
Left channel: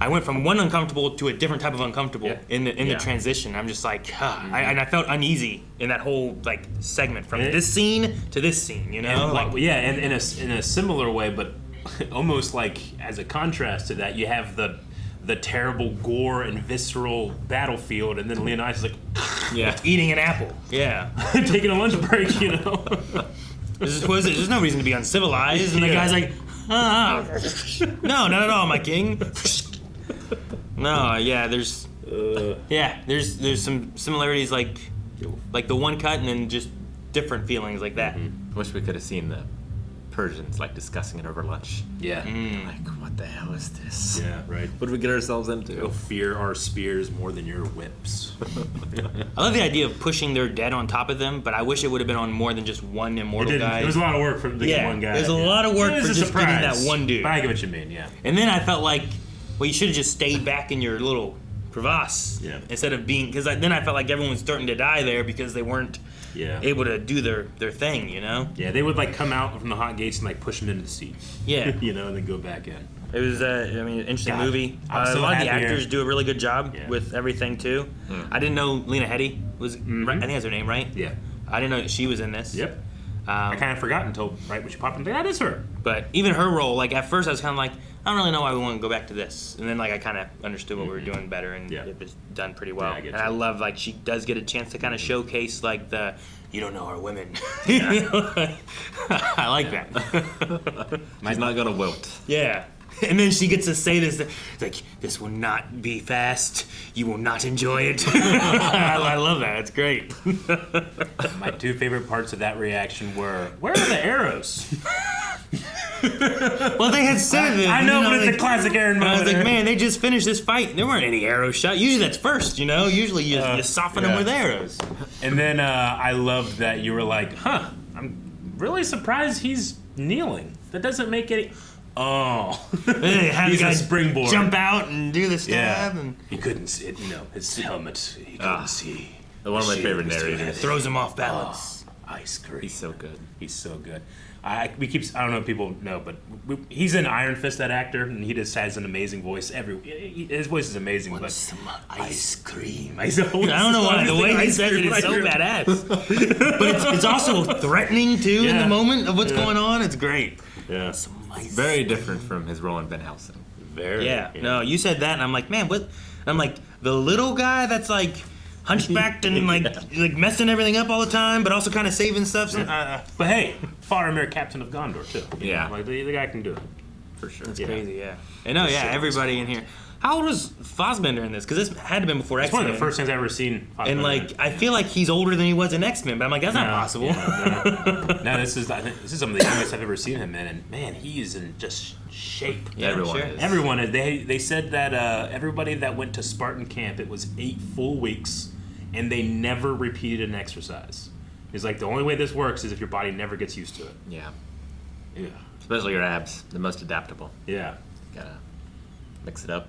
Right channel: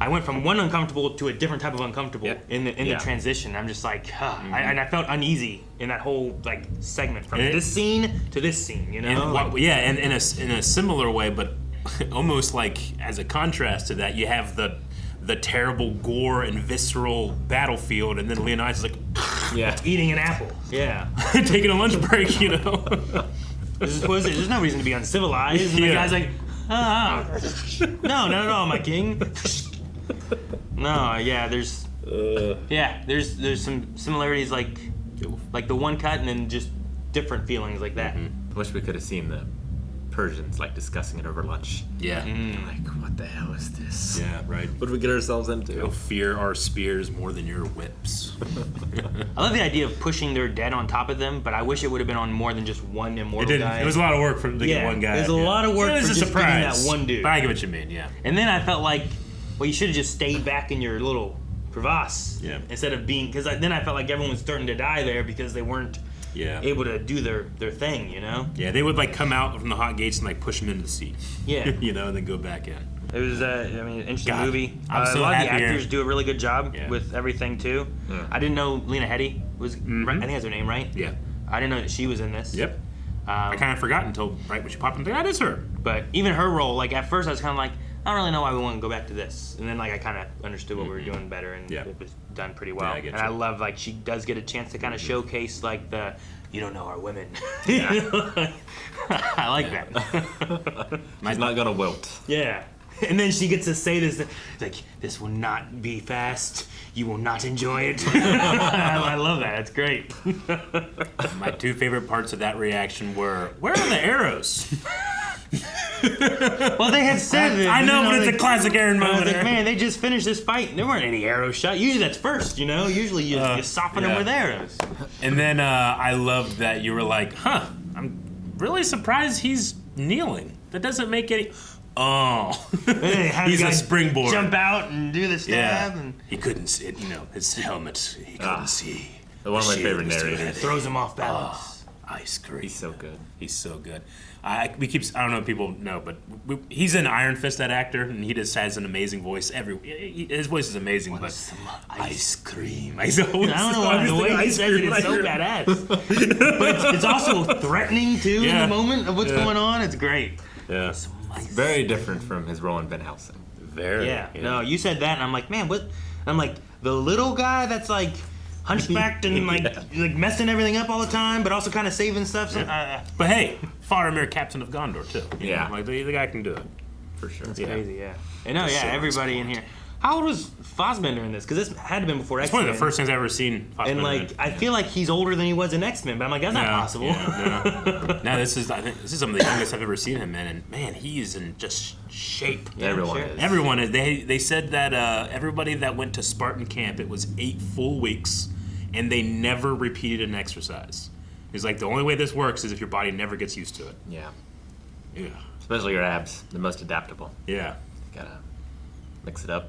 I went from one uncomfortable to a different type of uncomfortable in the transition. I'm just like, and I felt uneasy in that whole like segment from this scene to this scene, you know? And, and in a similar way, but almost like as a contrast to that, you have the the terrible gore and visceral battlefield, and then Leonidas is like, Yeah. Eating an apple. Yeah. taking a lunch break, you know. There's no reason to be uncivilized. And the guy's like, no, not at all, my king. No, yeah, there's some similarities like the one cut and then just different feelings like that. Wish we could have seen the Persians like discussing it over lunch. Yeah. Like, what the hell is this? Yeah, right. What did we get ourselves into? You'll fear our spears more than your whips. I love the idea of pushing their dead on top of them, but I wish it would have been on more than just one immortal guy. It was a lot of work for the one guy. It was a lot of work for just getting that one dude. But I get what you mean, yeah. And then I felt like, well, you should have just stayed back in your little crevasse instead of being, because then I felt like everyone was starting to die there because they weren't able to do their thing, you know? Yeah, they would like come out from the hot gates and like push them into the seat. Yeah. You know, and then go back in. It was, an interesting movie. I'm so a lot happy of the actors do a really good job with everything too. Yeah. I didn't know Lena Headey was, I think that's her name, right? Yeah. I didn't know that she was in this. Yep. I kind of forgot until right when she popped into that is her. But even her role, like at first I was kind of like, I don't really know why we want to go back to this. And then like I kind of understood what we were doing better, and it was done pretty well. Yeah, I love like she does get a chance to kind of showcase like the, you don't know our women. I like that. She's not gonna wilt. Yeah. And then she gets to say this, like, this will not be fast. You will not enjoy it. I love that. It's great. My two favorite parts of that reaction were, where are the arrows? Well, they had said that. I know, but it's a classic Aaron moment. I was like, man, they just finished this fight, and there weren't any arrows shot. Usually that's first, you know? Usually you just soften them with arrows. And then I loved that you were like, I'm really surprised he's kneeling. That doesn't make any... Oh, he's a springboard. Jump out and do the stab. Yeah. And he couldn't see it, his helmet. He couldn't see. One of my favorite narrators. Throws him off balance. Ice cream. He's so good. He's so good. I don't know if people know, but he's an Iron Fist, that actor, and he just has an amazing voice. His voice is amazing. Want some ice cream? I don't know why the way he says it is so badass. But it's also threatening too in the moment of what's going on. It's great. Yeah. Very different from his role in Van Helsing. Very. Yeah. No, you said that, and I'm like, man, what? I'm like, the little guy that's like hunchbacked and like messing everything up all the time, but also kind of saving stuff. So, but hey, Faramir, Captain of Gondor too. Yeah. Like the guy can do it for sure. That's crazy. Yeah. And no, everybody in here. How old was Fassbender in this? Because this had to have been before X-Men. It's one of the first things I've ever seen Fassbender. And like, I feel like he's older than he was in X-Men, but I'm like, that's not possible. No, I think this is some of the youngest I've ever seen him in, and man, he is in just shape. Yeah, Everyone is. They said that everybody that went to Spartan camp, it was 8 full weeks, and they never repeated an exercise. He's like, the only way this works is if your body never gets used to it. Yeah. Yeah. Especially your abs, the most adaptable. Yeah. Gotta mix it up.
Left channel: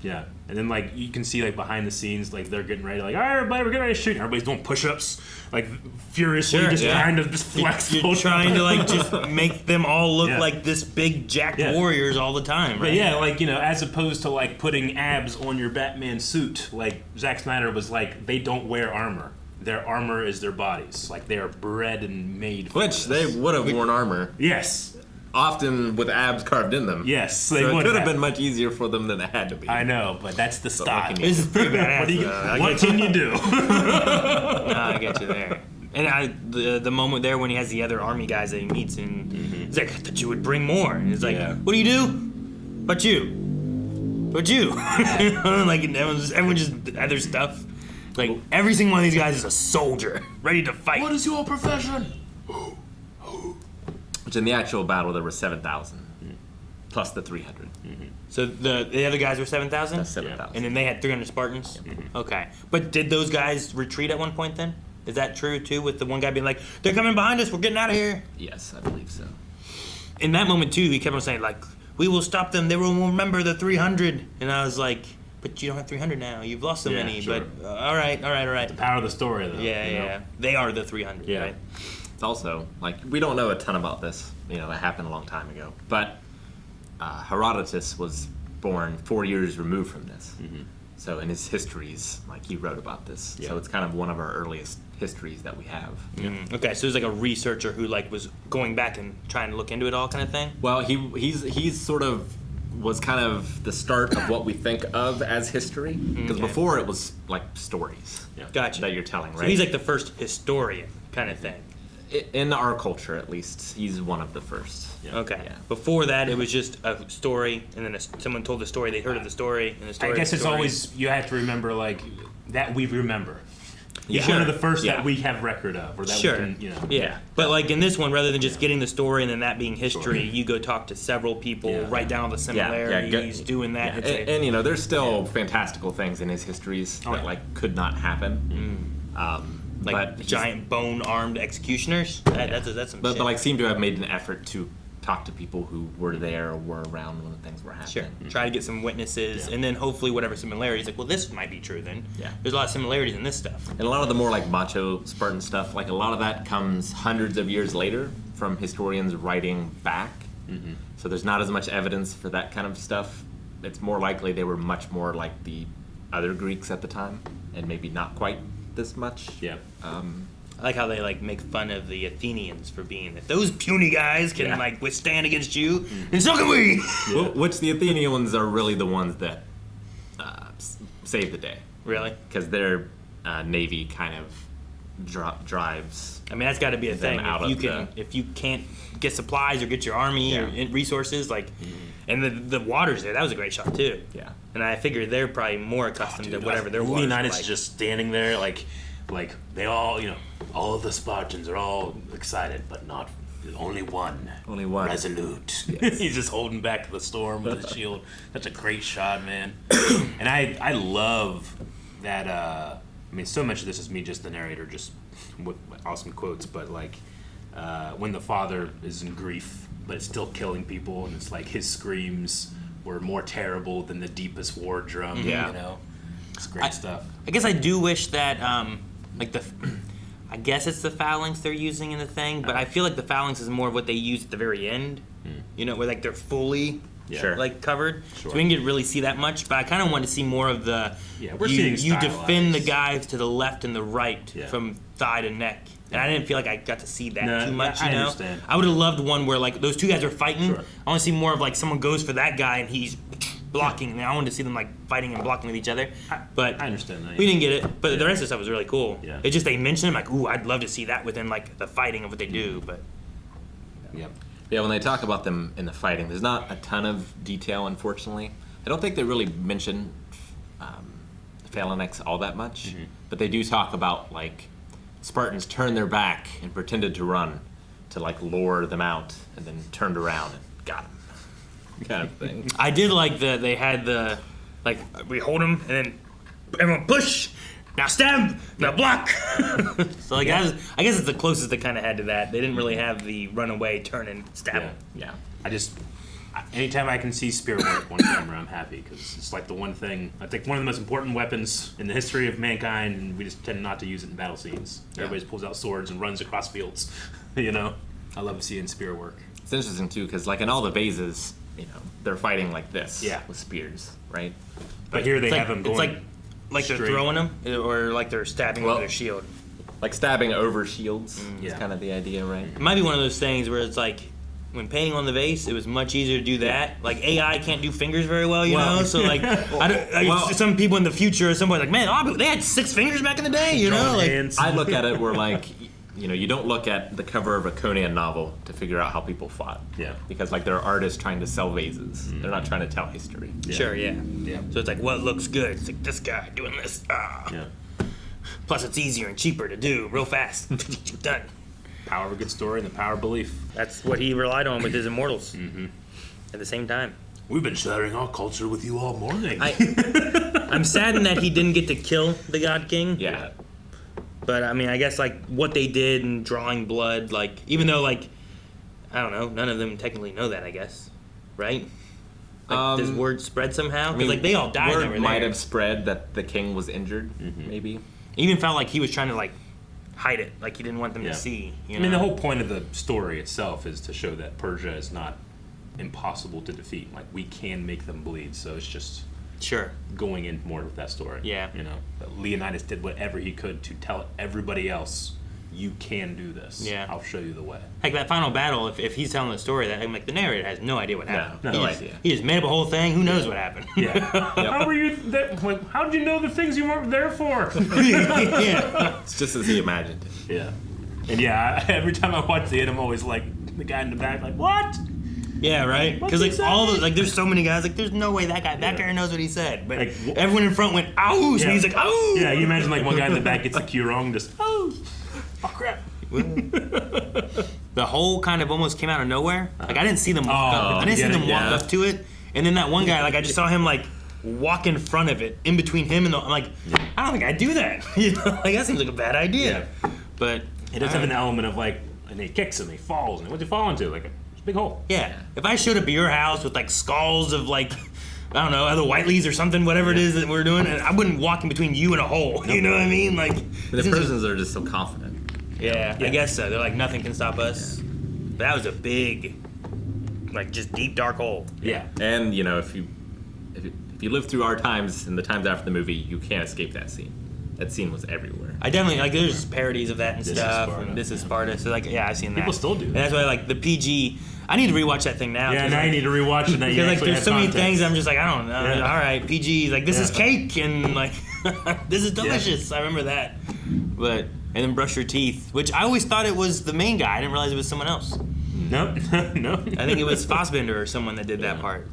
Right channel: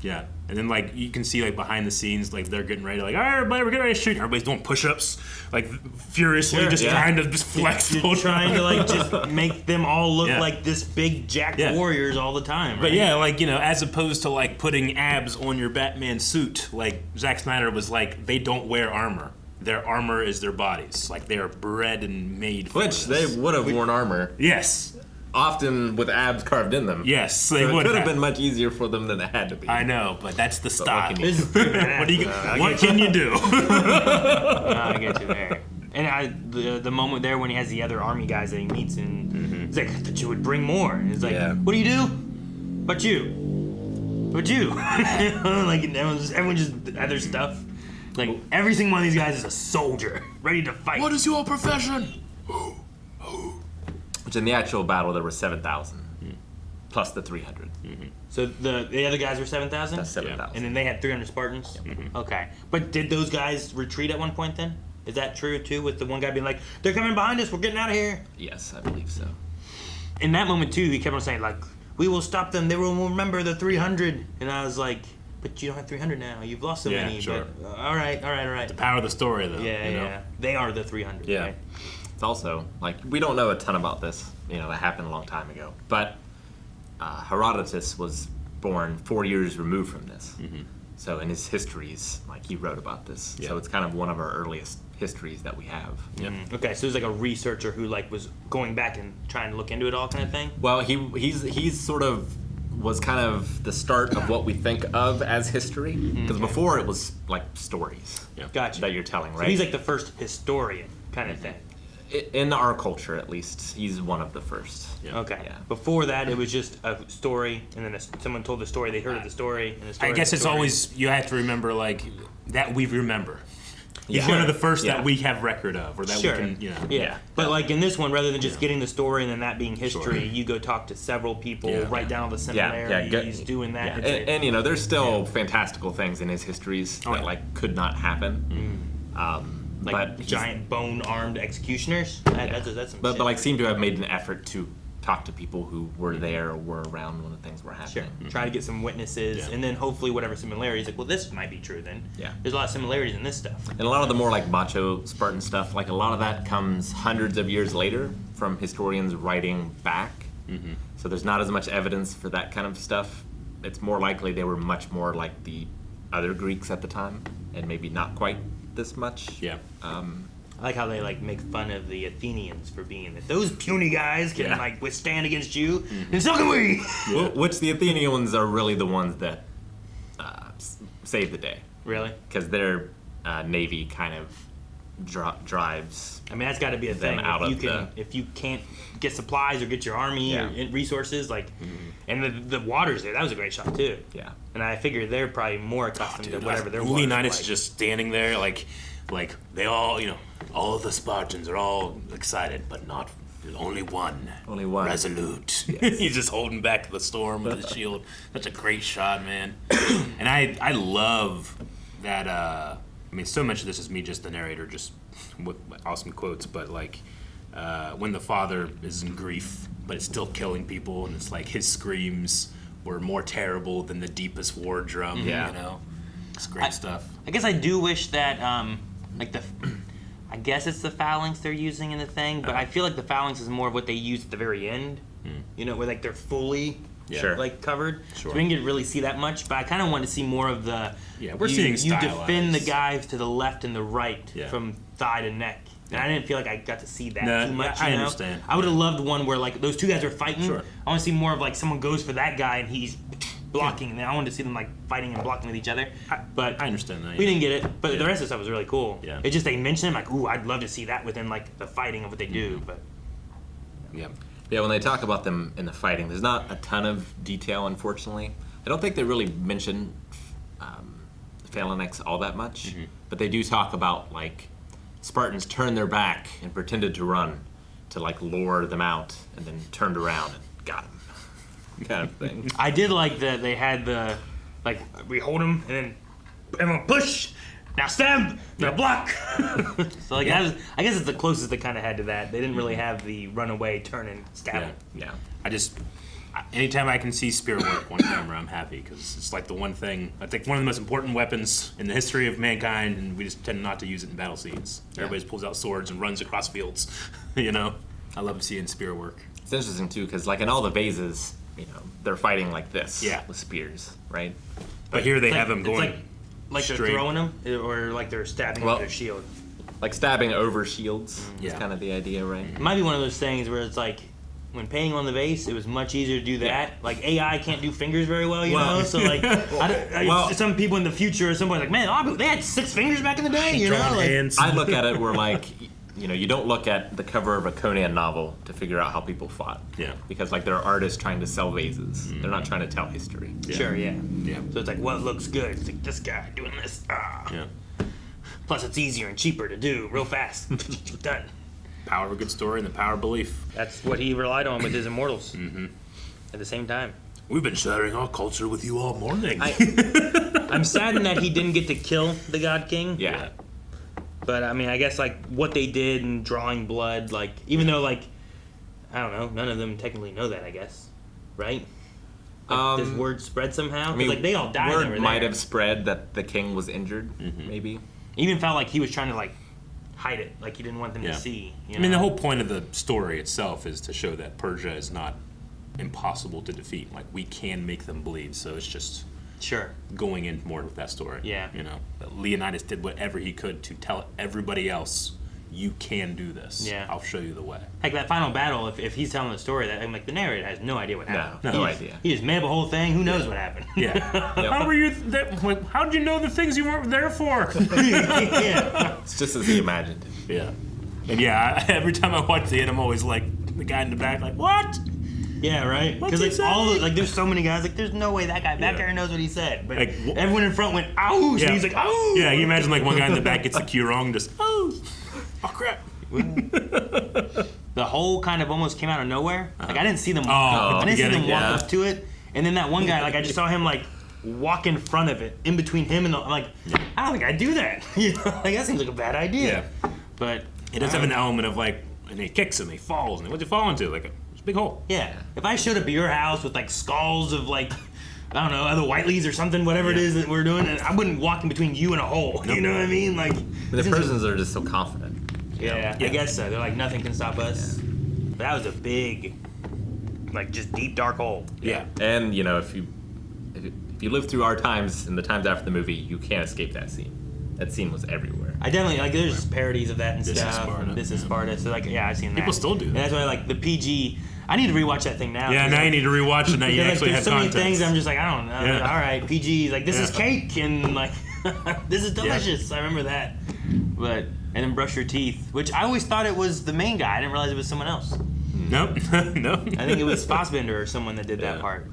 Yeah, and then like you can see like behind the scenes, like they're getting ready, like, all right, everybody, we're getting ready to shoot. Everybody's doing push-ups, like furiously, trying to just flex. You're trying to like just make them all look like this big jacked warriors all the time. Right? But yeah, like as opposed to like putting abs on your Batman suit, like Zack Snyder was like, they don't wear armor. Their armor is their bodies. Like they are bred and made. For Which they would have worn armor. Yes. Often with abs carved in them. Yes, they would. It could have been much easier for them than it had to be. I know, but that's the style. What can you do? I get you there. And the moment there when he has the other army guys that he meets, and he's like, I thought you would bring more. And he's like, what do you do? But you. Like everyone just had their stuff. Like every single one of these guys is a soldier, ready to fight. What is your profession? Which in the actual battle there were 7,000 plus the 300. So the other guys were 7,000? That's 7,000. And then they had 300 Spartans? Okay. But did those guys retreat at one point then? Is that true too, with the one guy being like, they're coming behind us, we're getting out of here? Yes, I believe so. In that moment too, he kept on saying like, we will stop them, they will remember the 300. And I was like, but you don't have 300 now, you've lost so many. Sure. But all right. The power of the story though. Yeah. They are the 300, yeah. right? It's also, like, we don't know a ton about this, that happened a long time ago. But Herodotus was born 4 years removed from this. So in his histories, like, he wrote about this. So it's kind of one of our earliest histories that we have. Okay, so there's like a researcher who like was going back and trying to look into it all kind of thing? Well, he's sort of was kind of the start of what we think of as history. Because before it was like stories Gotcha. that you're telling, right? So he's like the first historian kind of thing. In our culture, at least, he's one of the first. Okay. Yeah. Before that, it was just a story, and then someone told the story. They heard of the story, and the story. I guess it's always you have to remember like that we remember. He's Yeah. one of the first Yeah. that we have record of, or that Sure. we can, Yeah. But like in this one, rather than just getting the story and then that being history, you go talk to several people, write down all the similarities, doing that. Yeah. And you know, there's still fantastical things in his histories that like could not happen. Like but giant bone-armed executioners. That's some but shit. like seem to have made an effort to talk to people who were there or were around when the things were happening. Sure. Try to get some witnesses, and then hopefully whatever similarities. Like, well, this might be true then. Yeah. There's a lot of similarities in this stuff. And a lot of the more like macho Spartan stuff, like a lot of that comes hundreds of years later from historians writing back. So there's not as much evidence for that kind of stuff. It's more likely they were much more like the other Greeks at the time, and maybe not quite this much. Yeah. I like how they like make fun of the Athenians for being if those puny guys can like withstand against you, and so can we. Which the Athenians are really the ones that save the day. Really? Because their navy kind of drives. I mean, that's got to be a thing. out If you of can, if you can't get supplies or get your army or resources, like, and the waters there, that was a great shot too. Yeah. And I figure they're probably more accustomed to whatever their Leonidas like. is just standing there, like they all, all of the Spartans are all excited, but not only one. Only one. Resolute. Yes. He's just holding back the storm with his shield. Such a great shot, man. And I love that. I mean, so much of this is me, just the narrator, just with awesome quotes. But like when the father is in grief, but it's still killing people, and it's like his screams were more terrible than the deepest war drum. Yeah. It's great stuff. I guess I do wish that, I guess it's the Phalanx they're using in the thing, but I feel like the Phalanx is more of what they use at the very end. Where like they're fully like covered, so we didn't really see that much. But I kind of want to see more of the. Yeah, we're you seeing defend the guys to the left and the right from thigh to neck. And I didn't feel like I got to see that too much. I understand. I would have loved one where like those two guys are fighting. Sure. I want to see more of like someone goes for that guy and he's blocking. I wanted to see them like fighting and blocking with each other. But I understand that. we didn't get it. But the rest of the stuff was really cool. Yeah. It just they mentioned it, like, ooh, I'd love to see that within like the fighting of what they do. But Yeah, when they talk about them in the fighting, there's not a ton of detail, unfortunately. I don't think they really mention Phalanx all that much, but they do talk about like Spartans turned their back and pretended to run to like lure them out, and then turned around and got them, kind of thing. I did like that they had the like we hold them and then everyone push. Now stab, now block. So like that was, I guess it's the closest they kind of had to that. They didn't really have the runaway, turn and stab. Yeah. Anytime I can see spear work on camera, I'm happy, because it's like the one thing, I think one of the most important weapons in the history of mankind, and we just tend not to use it in battle scenes. Everybody pulls out swords and runs across fields. I love seeing spear work. It's interesting too, because like in all the vases, they're fighting like this with spears, right? But here they have them going. Like straight. they're throwing them, or like they're stabbing with their shield. Like stabbing over shields is kind of the idea, right? It might be one of those things where it's like, when painting on the vase, it was much easier to do that. Like AI can't do fingers very well, you know. So like, some people in the future, somebody like, man, they had 6 fingers back in the day, you know. Like, I look at it where like, you don't look at the cover of a Conan novel to figure out how people fought. Yeah. Because like they're artists trying to sell vases. They're not trying to tell history. Sure, yeah. Yeah. So it's like, what looks good? It's like this guy doing this. Yeah. Plus, it's easier and cheaper to do, real fast. Done. Power of a good story and the power of belief. That's what he relied on with his immortals. At the same time. We've been sharing our culture with you all morning. I'm saddened that he didn't get to kill the God King. Yeah. But I mean, I guess like what they did in drawing blood, like even though like I don't know, none of them technically know that. I guess, right? Like, does word spread somehow? 'Cause, like they all died over there. Word might have spread that the king was injured, maybe. It even felt like he was trying to like hide it, like he didn't want them to see. I mean, the whole point of the story itself is to show that Persia is not impossible to defeat. Like we can make them bleed, so it's just going in more with that story. Yeah. That Leonidas did whatever he could to tell everybody else you can do this. Yeah. I'll show you the way. Heck, that final battle, if he's telling the story, that I'm like, the narrator has no idea what happened. No idea. He just made up a whole thing. Who knows what happened? Yeah. How were you? How did you know the things you weren't there for? It's just as he imagined it. Yeah. And yeah, every time I watch it, I'm always like the guy in the back, like, what? Yeah, right. Because there's so many guys. Like, there's no way that guy back there knows what he said. But Like, everyone in front went, ouch, and he's like, ouch. Yeah, you imagine like one guy in the back gets the cue wrong, just oh crap. The hole kind of almost came out of nowhere. Like, I didn't see them walk up. I didn't see them walk up to it. And then that one guy, like, I just saw him like walk in front of it, in between him and I'm like, I don't think I'd do that. You know, like that seems like a bad idea. Yeah. But It does have an element of like, and he kicks him, he falls, and what's he fall into? Like a big hole. Yeah. If I showed up at your house with like skulls of like, I don't know, the Whiteleys or something, whatever it is that we're doing, and I wouldn't walk in between you and a hole. You know what I mean? Like The prisoners are just so confident. Yeah, I guess so. They're like, nothing can stop us. But that was a big, like, just deep dark hole. Yeah. And you know, if you live through our times and the times after the movie, you can't escape that scene. That scene was everywhere. I definitely like. There's parodies of that and This is stuff. Sparta. This is Sparta. So like, yeah, I've seen that. People still do that. And that's why like the PG. I need to rewatch that thing now. Yeah, now you need to rewatch it. Now you Because like, actually there's have so many context. things I'm just like, I don't know. Yeah. All right, PG. Like this is cake and like this is delicious. I remember that. But and then brush your teeth, which I always thought it was the main guy. I didn't realize it was someone else. Nope. No. I think it was Fassbender or someone that did that part.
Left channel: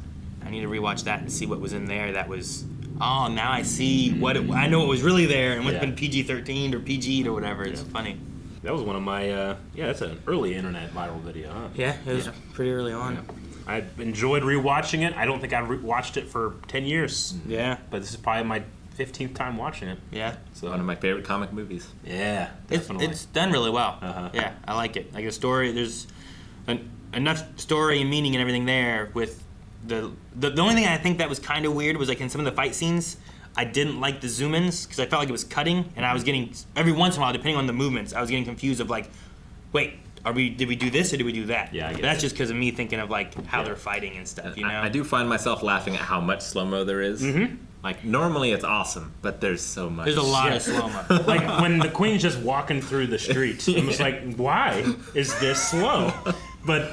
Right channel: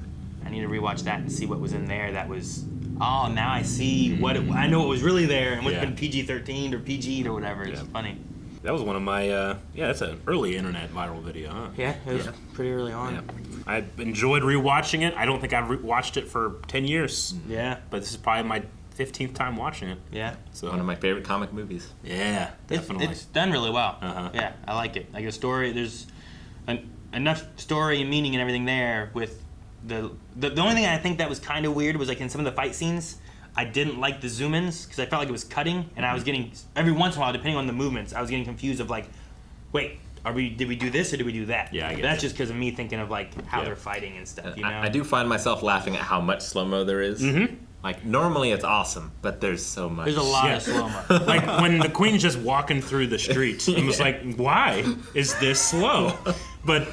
I need to rewatch that and see what was in there. That was, oh, now I see what I know what was really there and what's been PG-13 or PG'd or whatever. It's funny. That was one of my, that's an early internet viral video, huh? Yeah, it was pretty early on. Yeah. I enjoyed rewatching it. I don't think I've watched it for 10 years. Yeah. But this is probably my 15th time watching it. Yeah. So One of my favorite comic movies. Yeah, definitely. It's done really well. Yeah, I like it. Like a story, there's enough story and meaning and everything there with the only thing I think that was kind of weird was like in some of the fight scenes, I didn't like the zoom-ins because I felt like it was cutting and I was getting, every once in a while, depending on the movements, I was getting confused of like, wait, did we do this or did we do that? Yeah, I get that's it. just because of me thinking of like how they're fighting and stuff, you know? I do find myself laughing at how much slow-mo there is. Mm-hmm. Like, normally it's awesome, but there's so much. There's a lot of slow-mo. Like when the Queen's just walking through the streets, I'm just like, why is this slow? But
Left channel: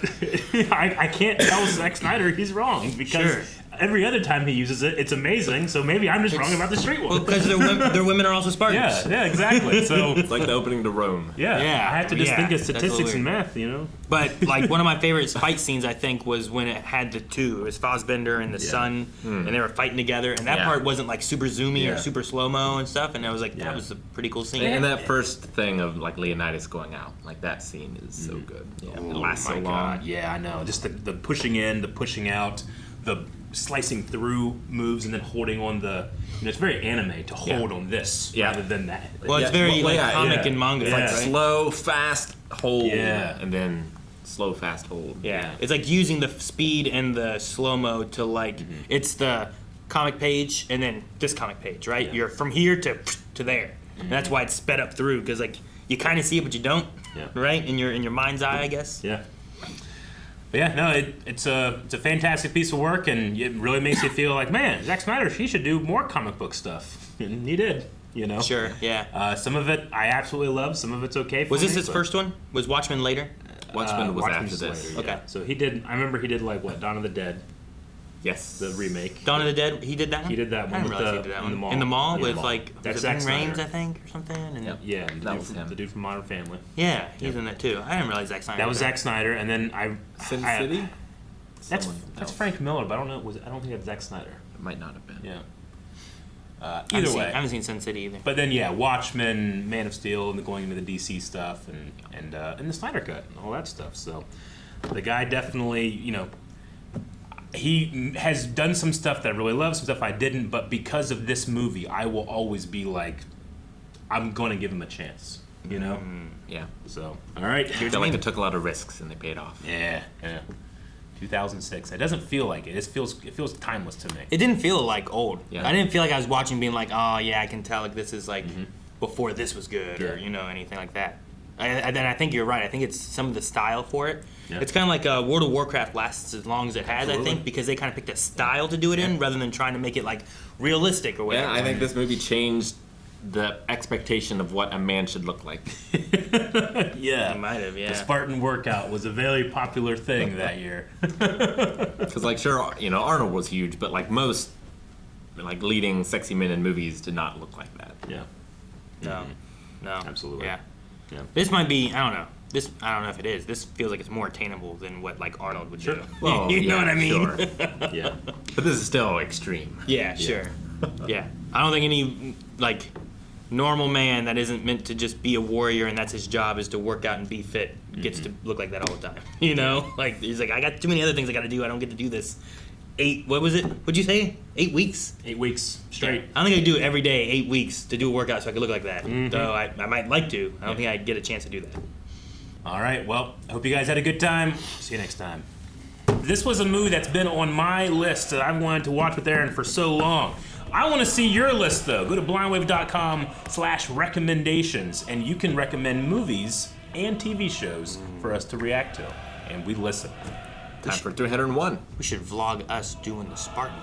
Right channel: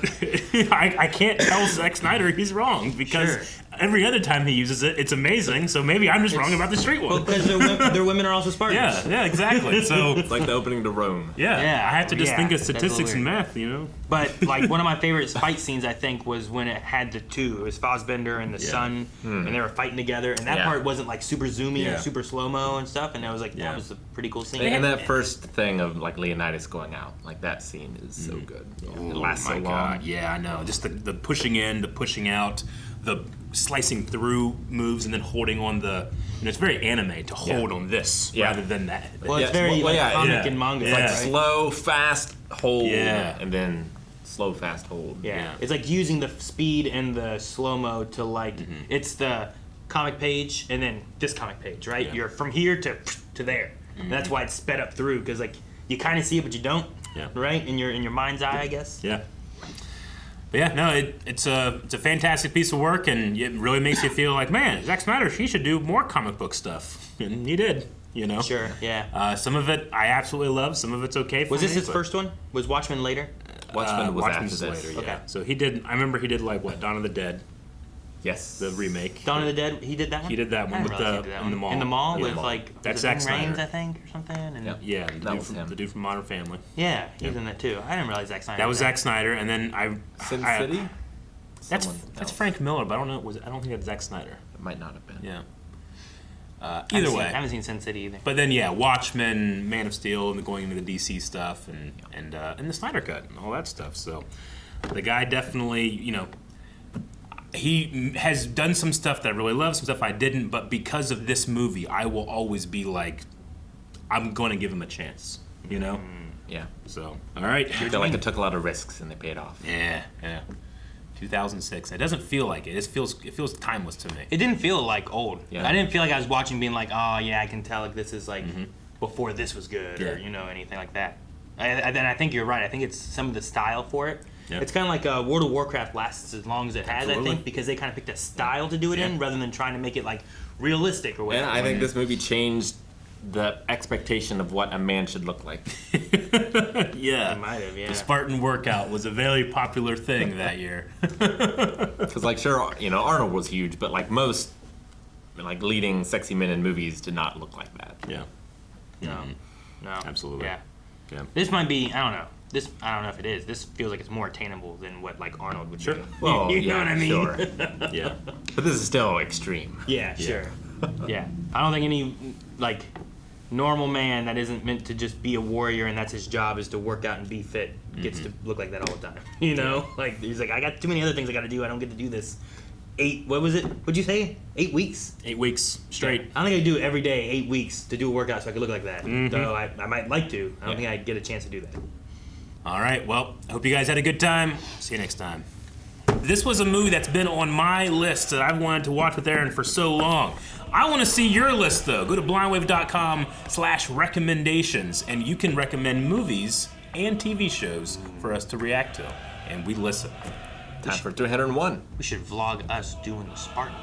I can't tell Zack Snyder he's wrong because every other time he uses it, it's amazing. So maybe I'm just wrong about the street one. Well, because their women are also Spartans. Yeah, exactly. So it's like the opening to Rome. Yeah, I have to just think of statistics and math, you know. But like one of my favorite fight scenes, I think, was when it had the two. It was Fassbender and the son, and they were fighting together. And that part wasn't like super zoomy or super slow mo and stuff. And I was like, that was a pretty cool scene. And that first thing of like Leonidas going out, like that scene is so good. Yeah. It lasts so long. God. Yeah, I know. Just the pushing in, the pushing out, the slicing through moves, and then holding on the. You know, it's very anime to hold on this rather than that. Well, it's very comic and manga. It's like right? slow, fast hold, Yeah. and then slow, fast hold. Yeah. It's like using the speed and the slow mo to like it's the comic page and then this comic page, right? You're from here to there, and that's why it's sped up through because like you kind of see it but you don't, right? In your mind's eye, I guess. Yeah. But yeah, no, it's a fantastic piece of work, and it really makes you feel like, man, Zack Snyder, he should do more comic book stuff, and he did. You know. Sure. Yeah. Some of it I absolutely love. Some of it's okay. Was this his first one? Was Watchmen later? Watchmen was Watchmen's after this. later, Okay. So he did. I remember he did like what, Dawn of the Dead. Yes. The remake. Dawn of the Dead. He did that one. He did that one I with didn't realize he did that in the one. mall. In the mall Yeah, with mall. like That's Ving Zack Rhames, Snyder. I think, or something. And Yeah, That was him. the dude from Modern Family. yeah, he's in that too. I didn't realize Zack Snyder. That was did Zack Snyder, and then Sin City? That's Someone that's else. Frank Miller, but I don't know. I don't think that's Zack Snyder. It might not have been. Yeah. I Either haven't way, seen, I haven't seen Sin City either. but then yeah, Watchmen, Man of Steel, and going into the DC stuff, and the Snyder Cut and all that stuff. So the guy definitely, you know, he has done some stuff that I really love, some stuff I didn't, but because of this movie, I will always be like, I'm going to give him a chance, you know? Yeah. So, all right. I feel like they took a lot of risks and they paid off. Yeah. 2006. It doesn't feel like it. It feels timeless to me. It didn't feel like old. Yeah. I didn't feel like I was watching being like, oh yeah, I can tell like this is like before this was good Yeah. or you know anything like that. Then I think you're right. I think it's some of the style for it. Yeah. It's kind of like World of Warcraft lasts as long as it has. Absolutely. I think because they kind of picked a style to do it in rather than trying to make it like realistic or whatever. Yeah, I think this movie changed the expectation of what a man should look like. Yeah. He might have, yeah. The Spartan workout was a very popular thing that year. Because, like, sure, you know, Arnold was huge, but, like, most, like, leading sexy men in movies did not look like that. Yeah. No. No. Absolutely. Yeah. Yeah. This might be, I don't know. I don't know if it is. This feels like it's more attainable than what, like, Arnold would do. Well, you know what I mean? Sure. Yeah. But this is still extreme. Yeah, sure. Yeah. I don't think any, like, normal man that isn't meant to just be a warrior and that's his job is to work out and be fit gets to look like that all the time. You know? Like, he's like, I got too many other things I gotta do. I don't get to do this. What was it? What'd you say? 8 weeks? 8 weeks straight. I don't think I'd do it every day, 8 weeks, to do a workout so I could look like that. Though I might like to. I don't think I'd get a chance to do that. All right. Well, I hope you guys had a good time. See you next time. This was a movie that's been on my list that I've wanted to watch with Aaron for so long. I want to see your list, though. Go to blindwave.com/recommendations, and you can recommend movies and TV shows for us to react to, and we listen. Time for 301. We should vlog us doing the Spartan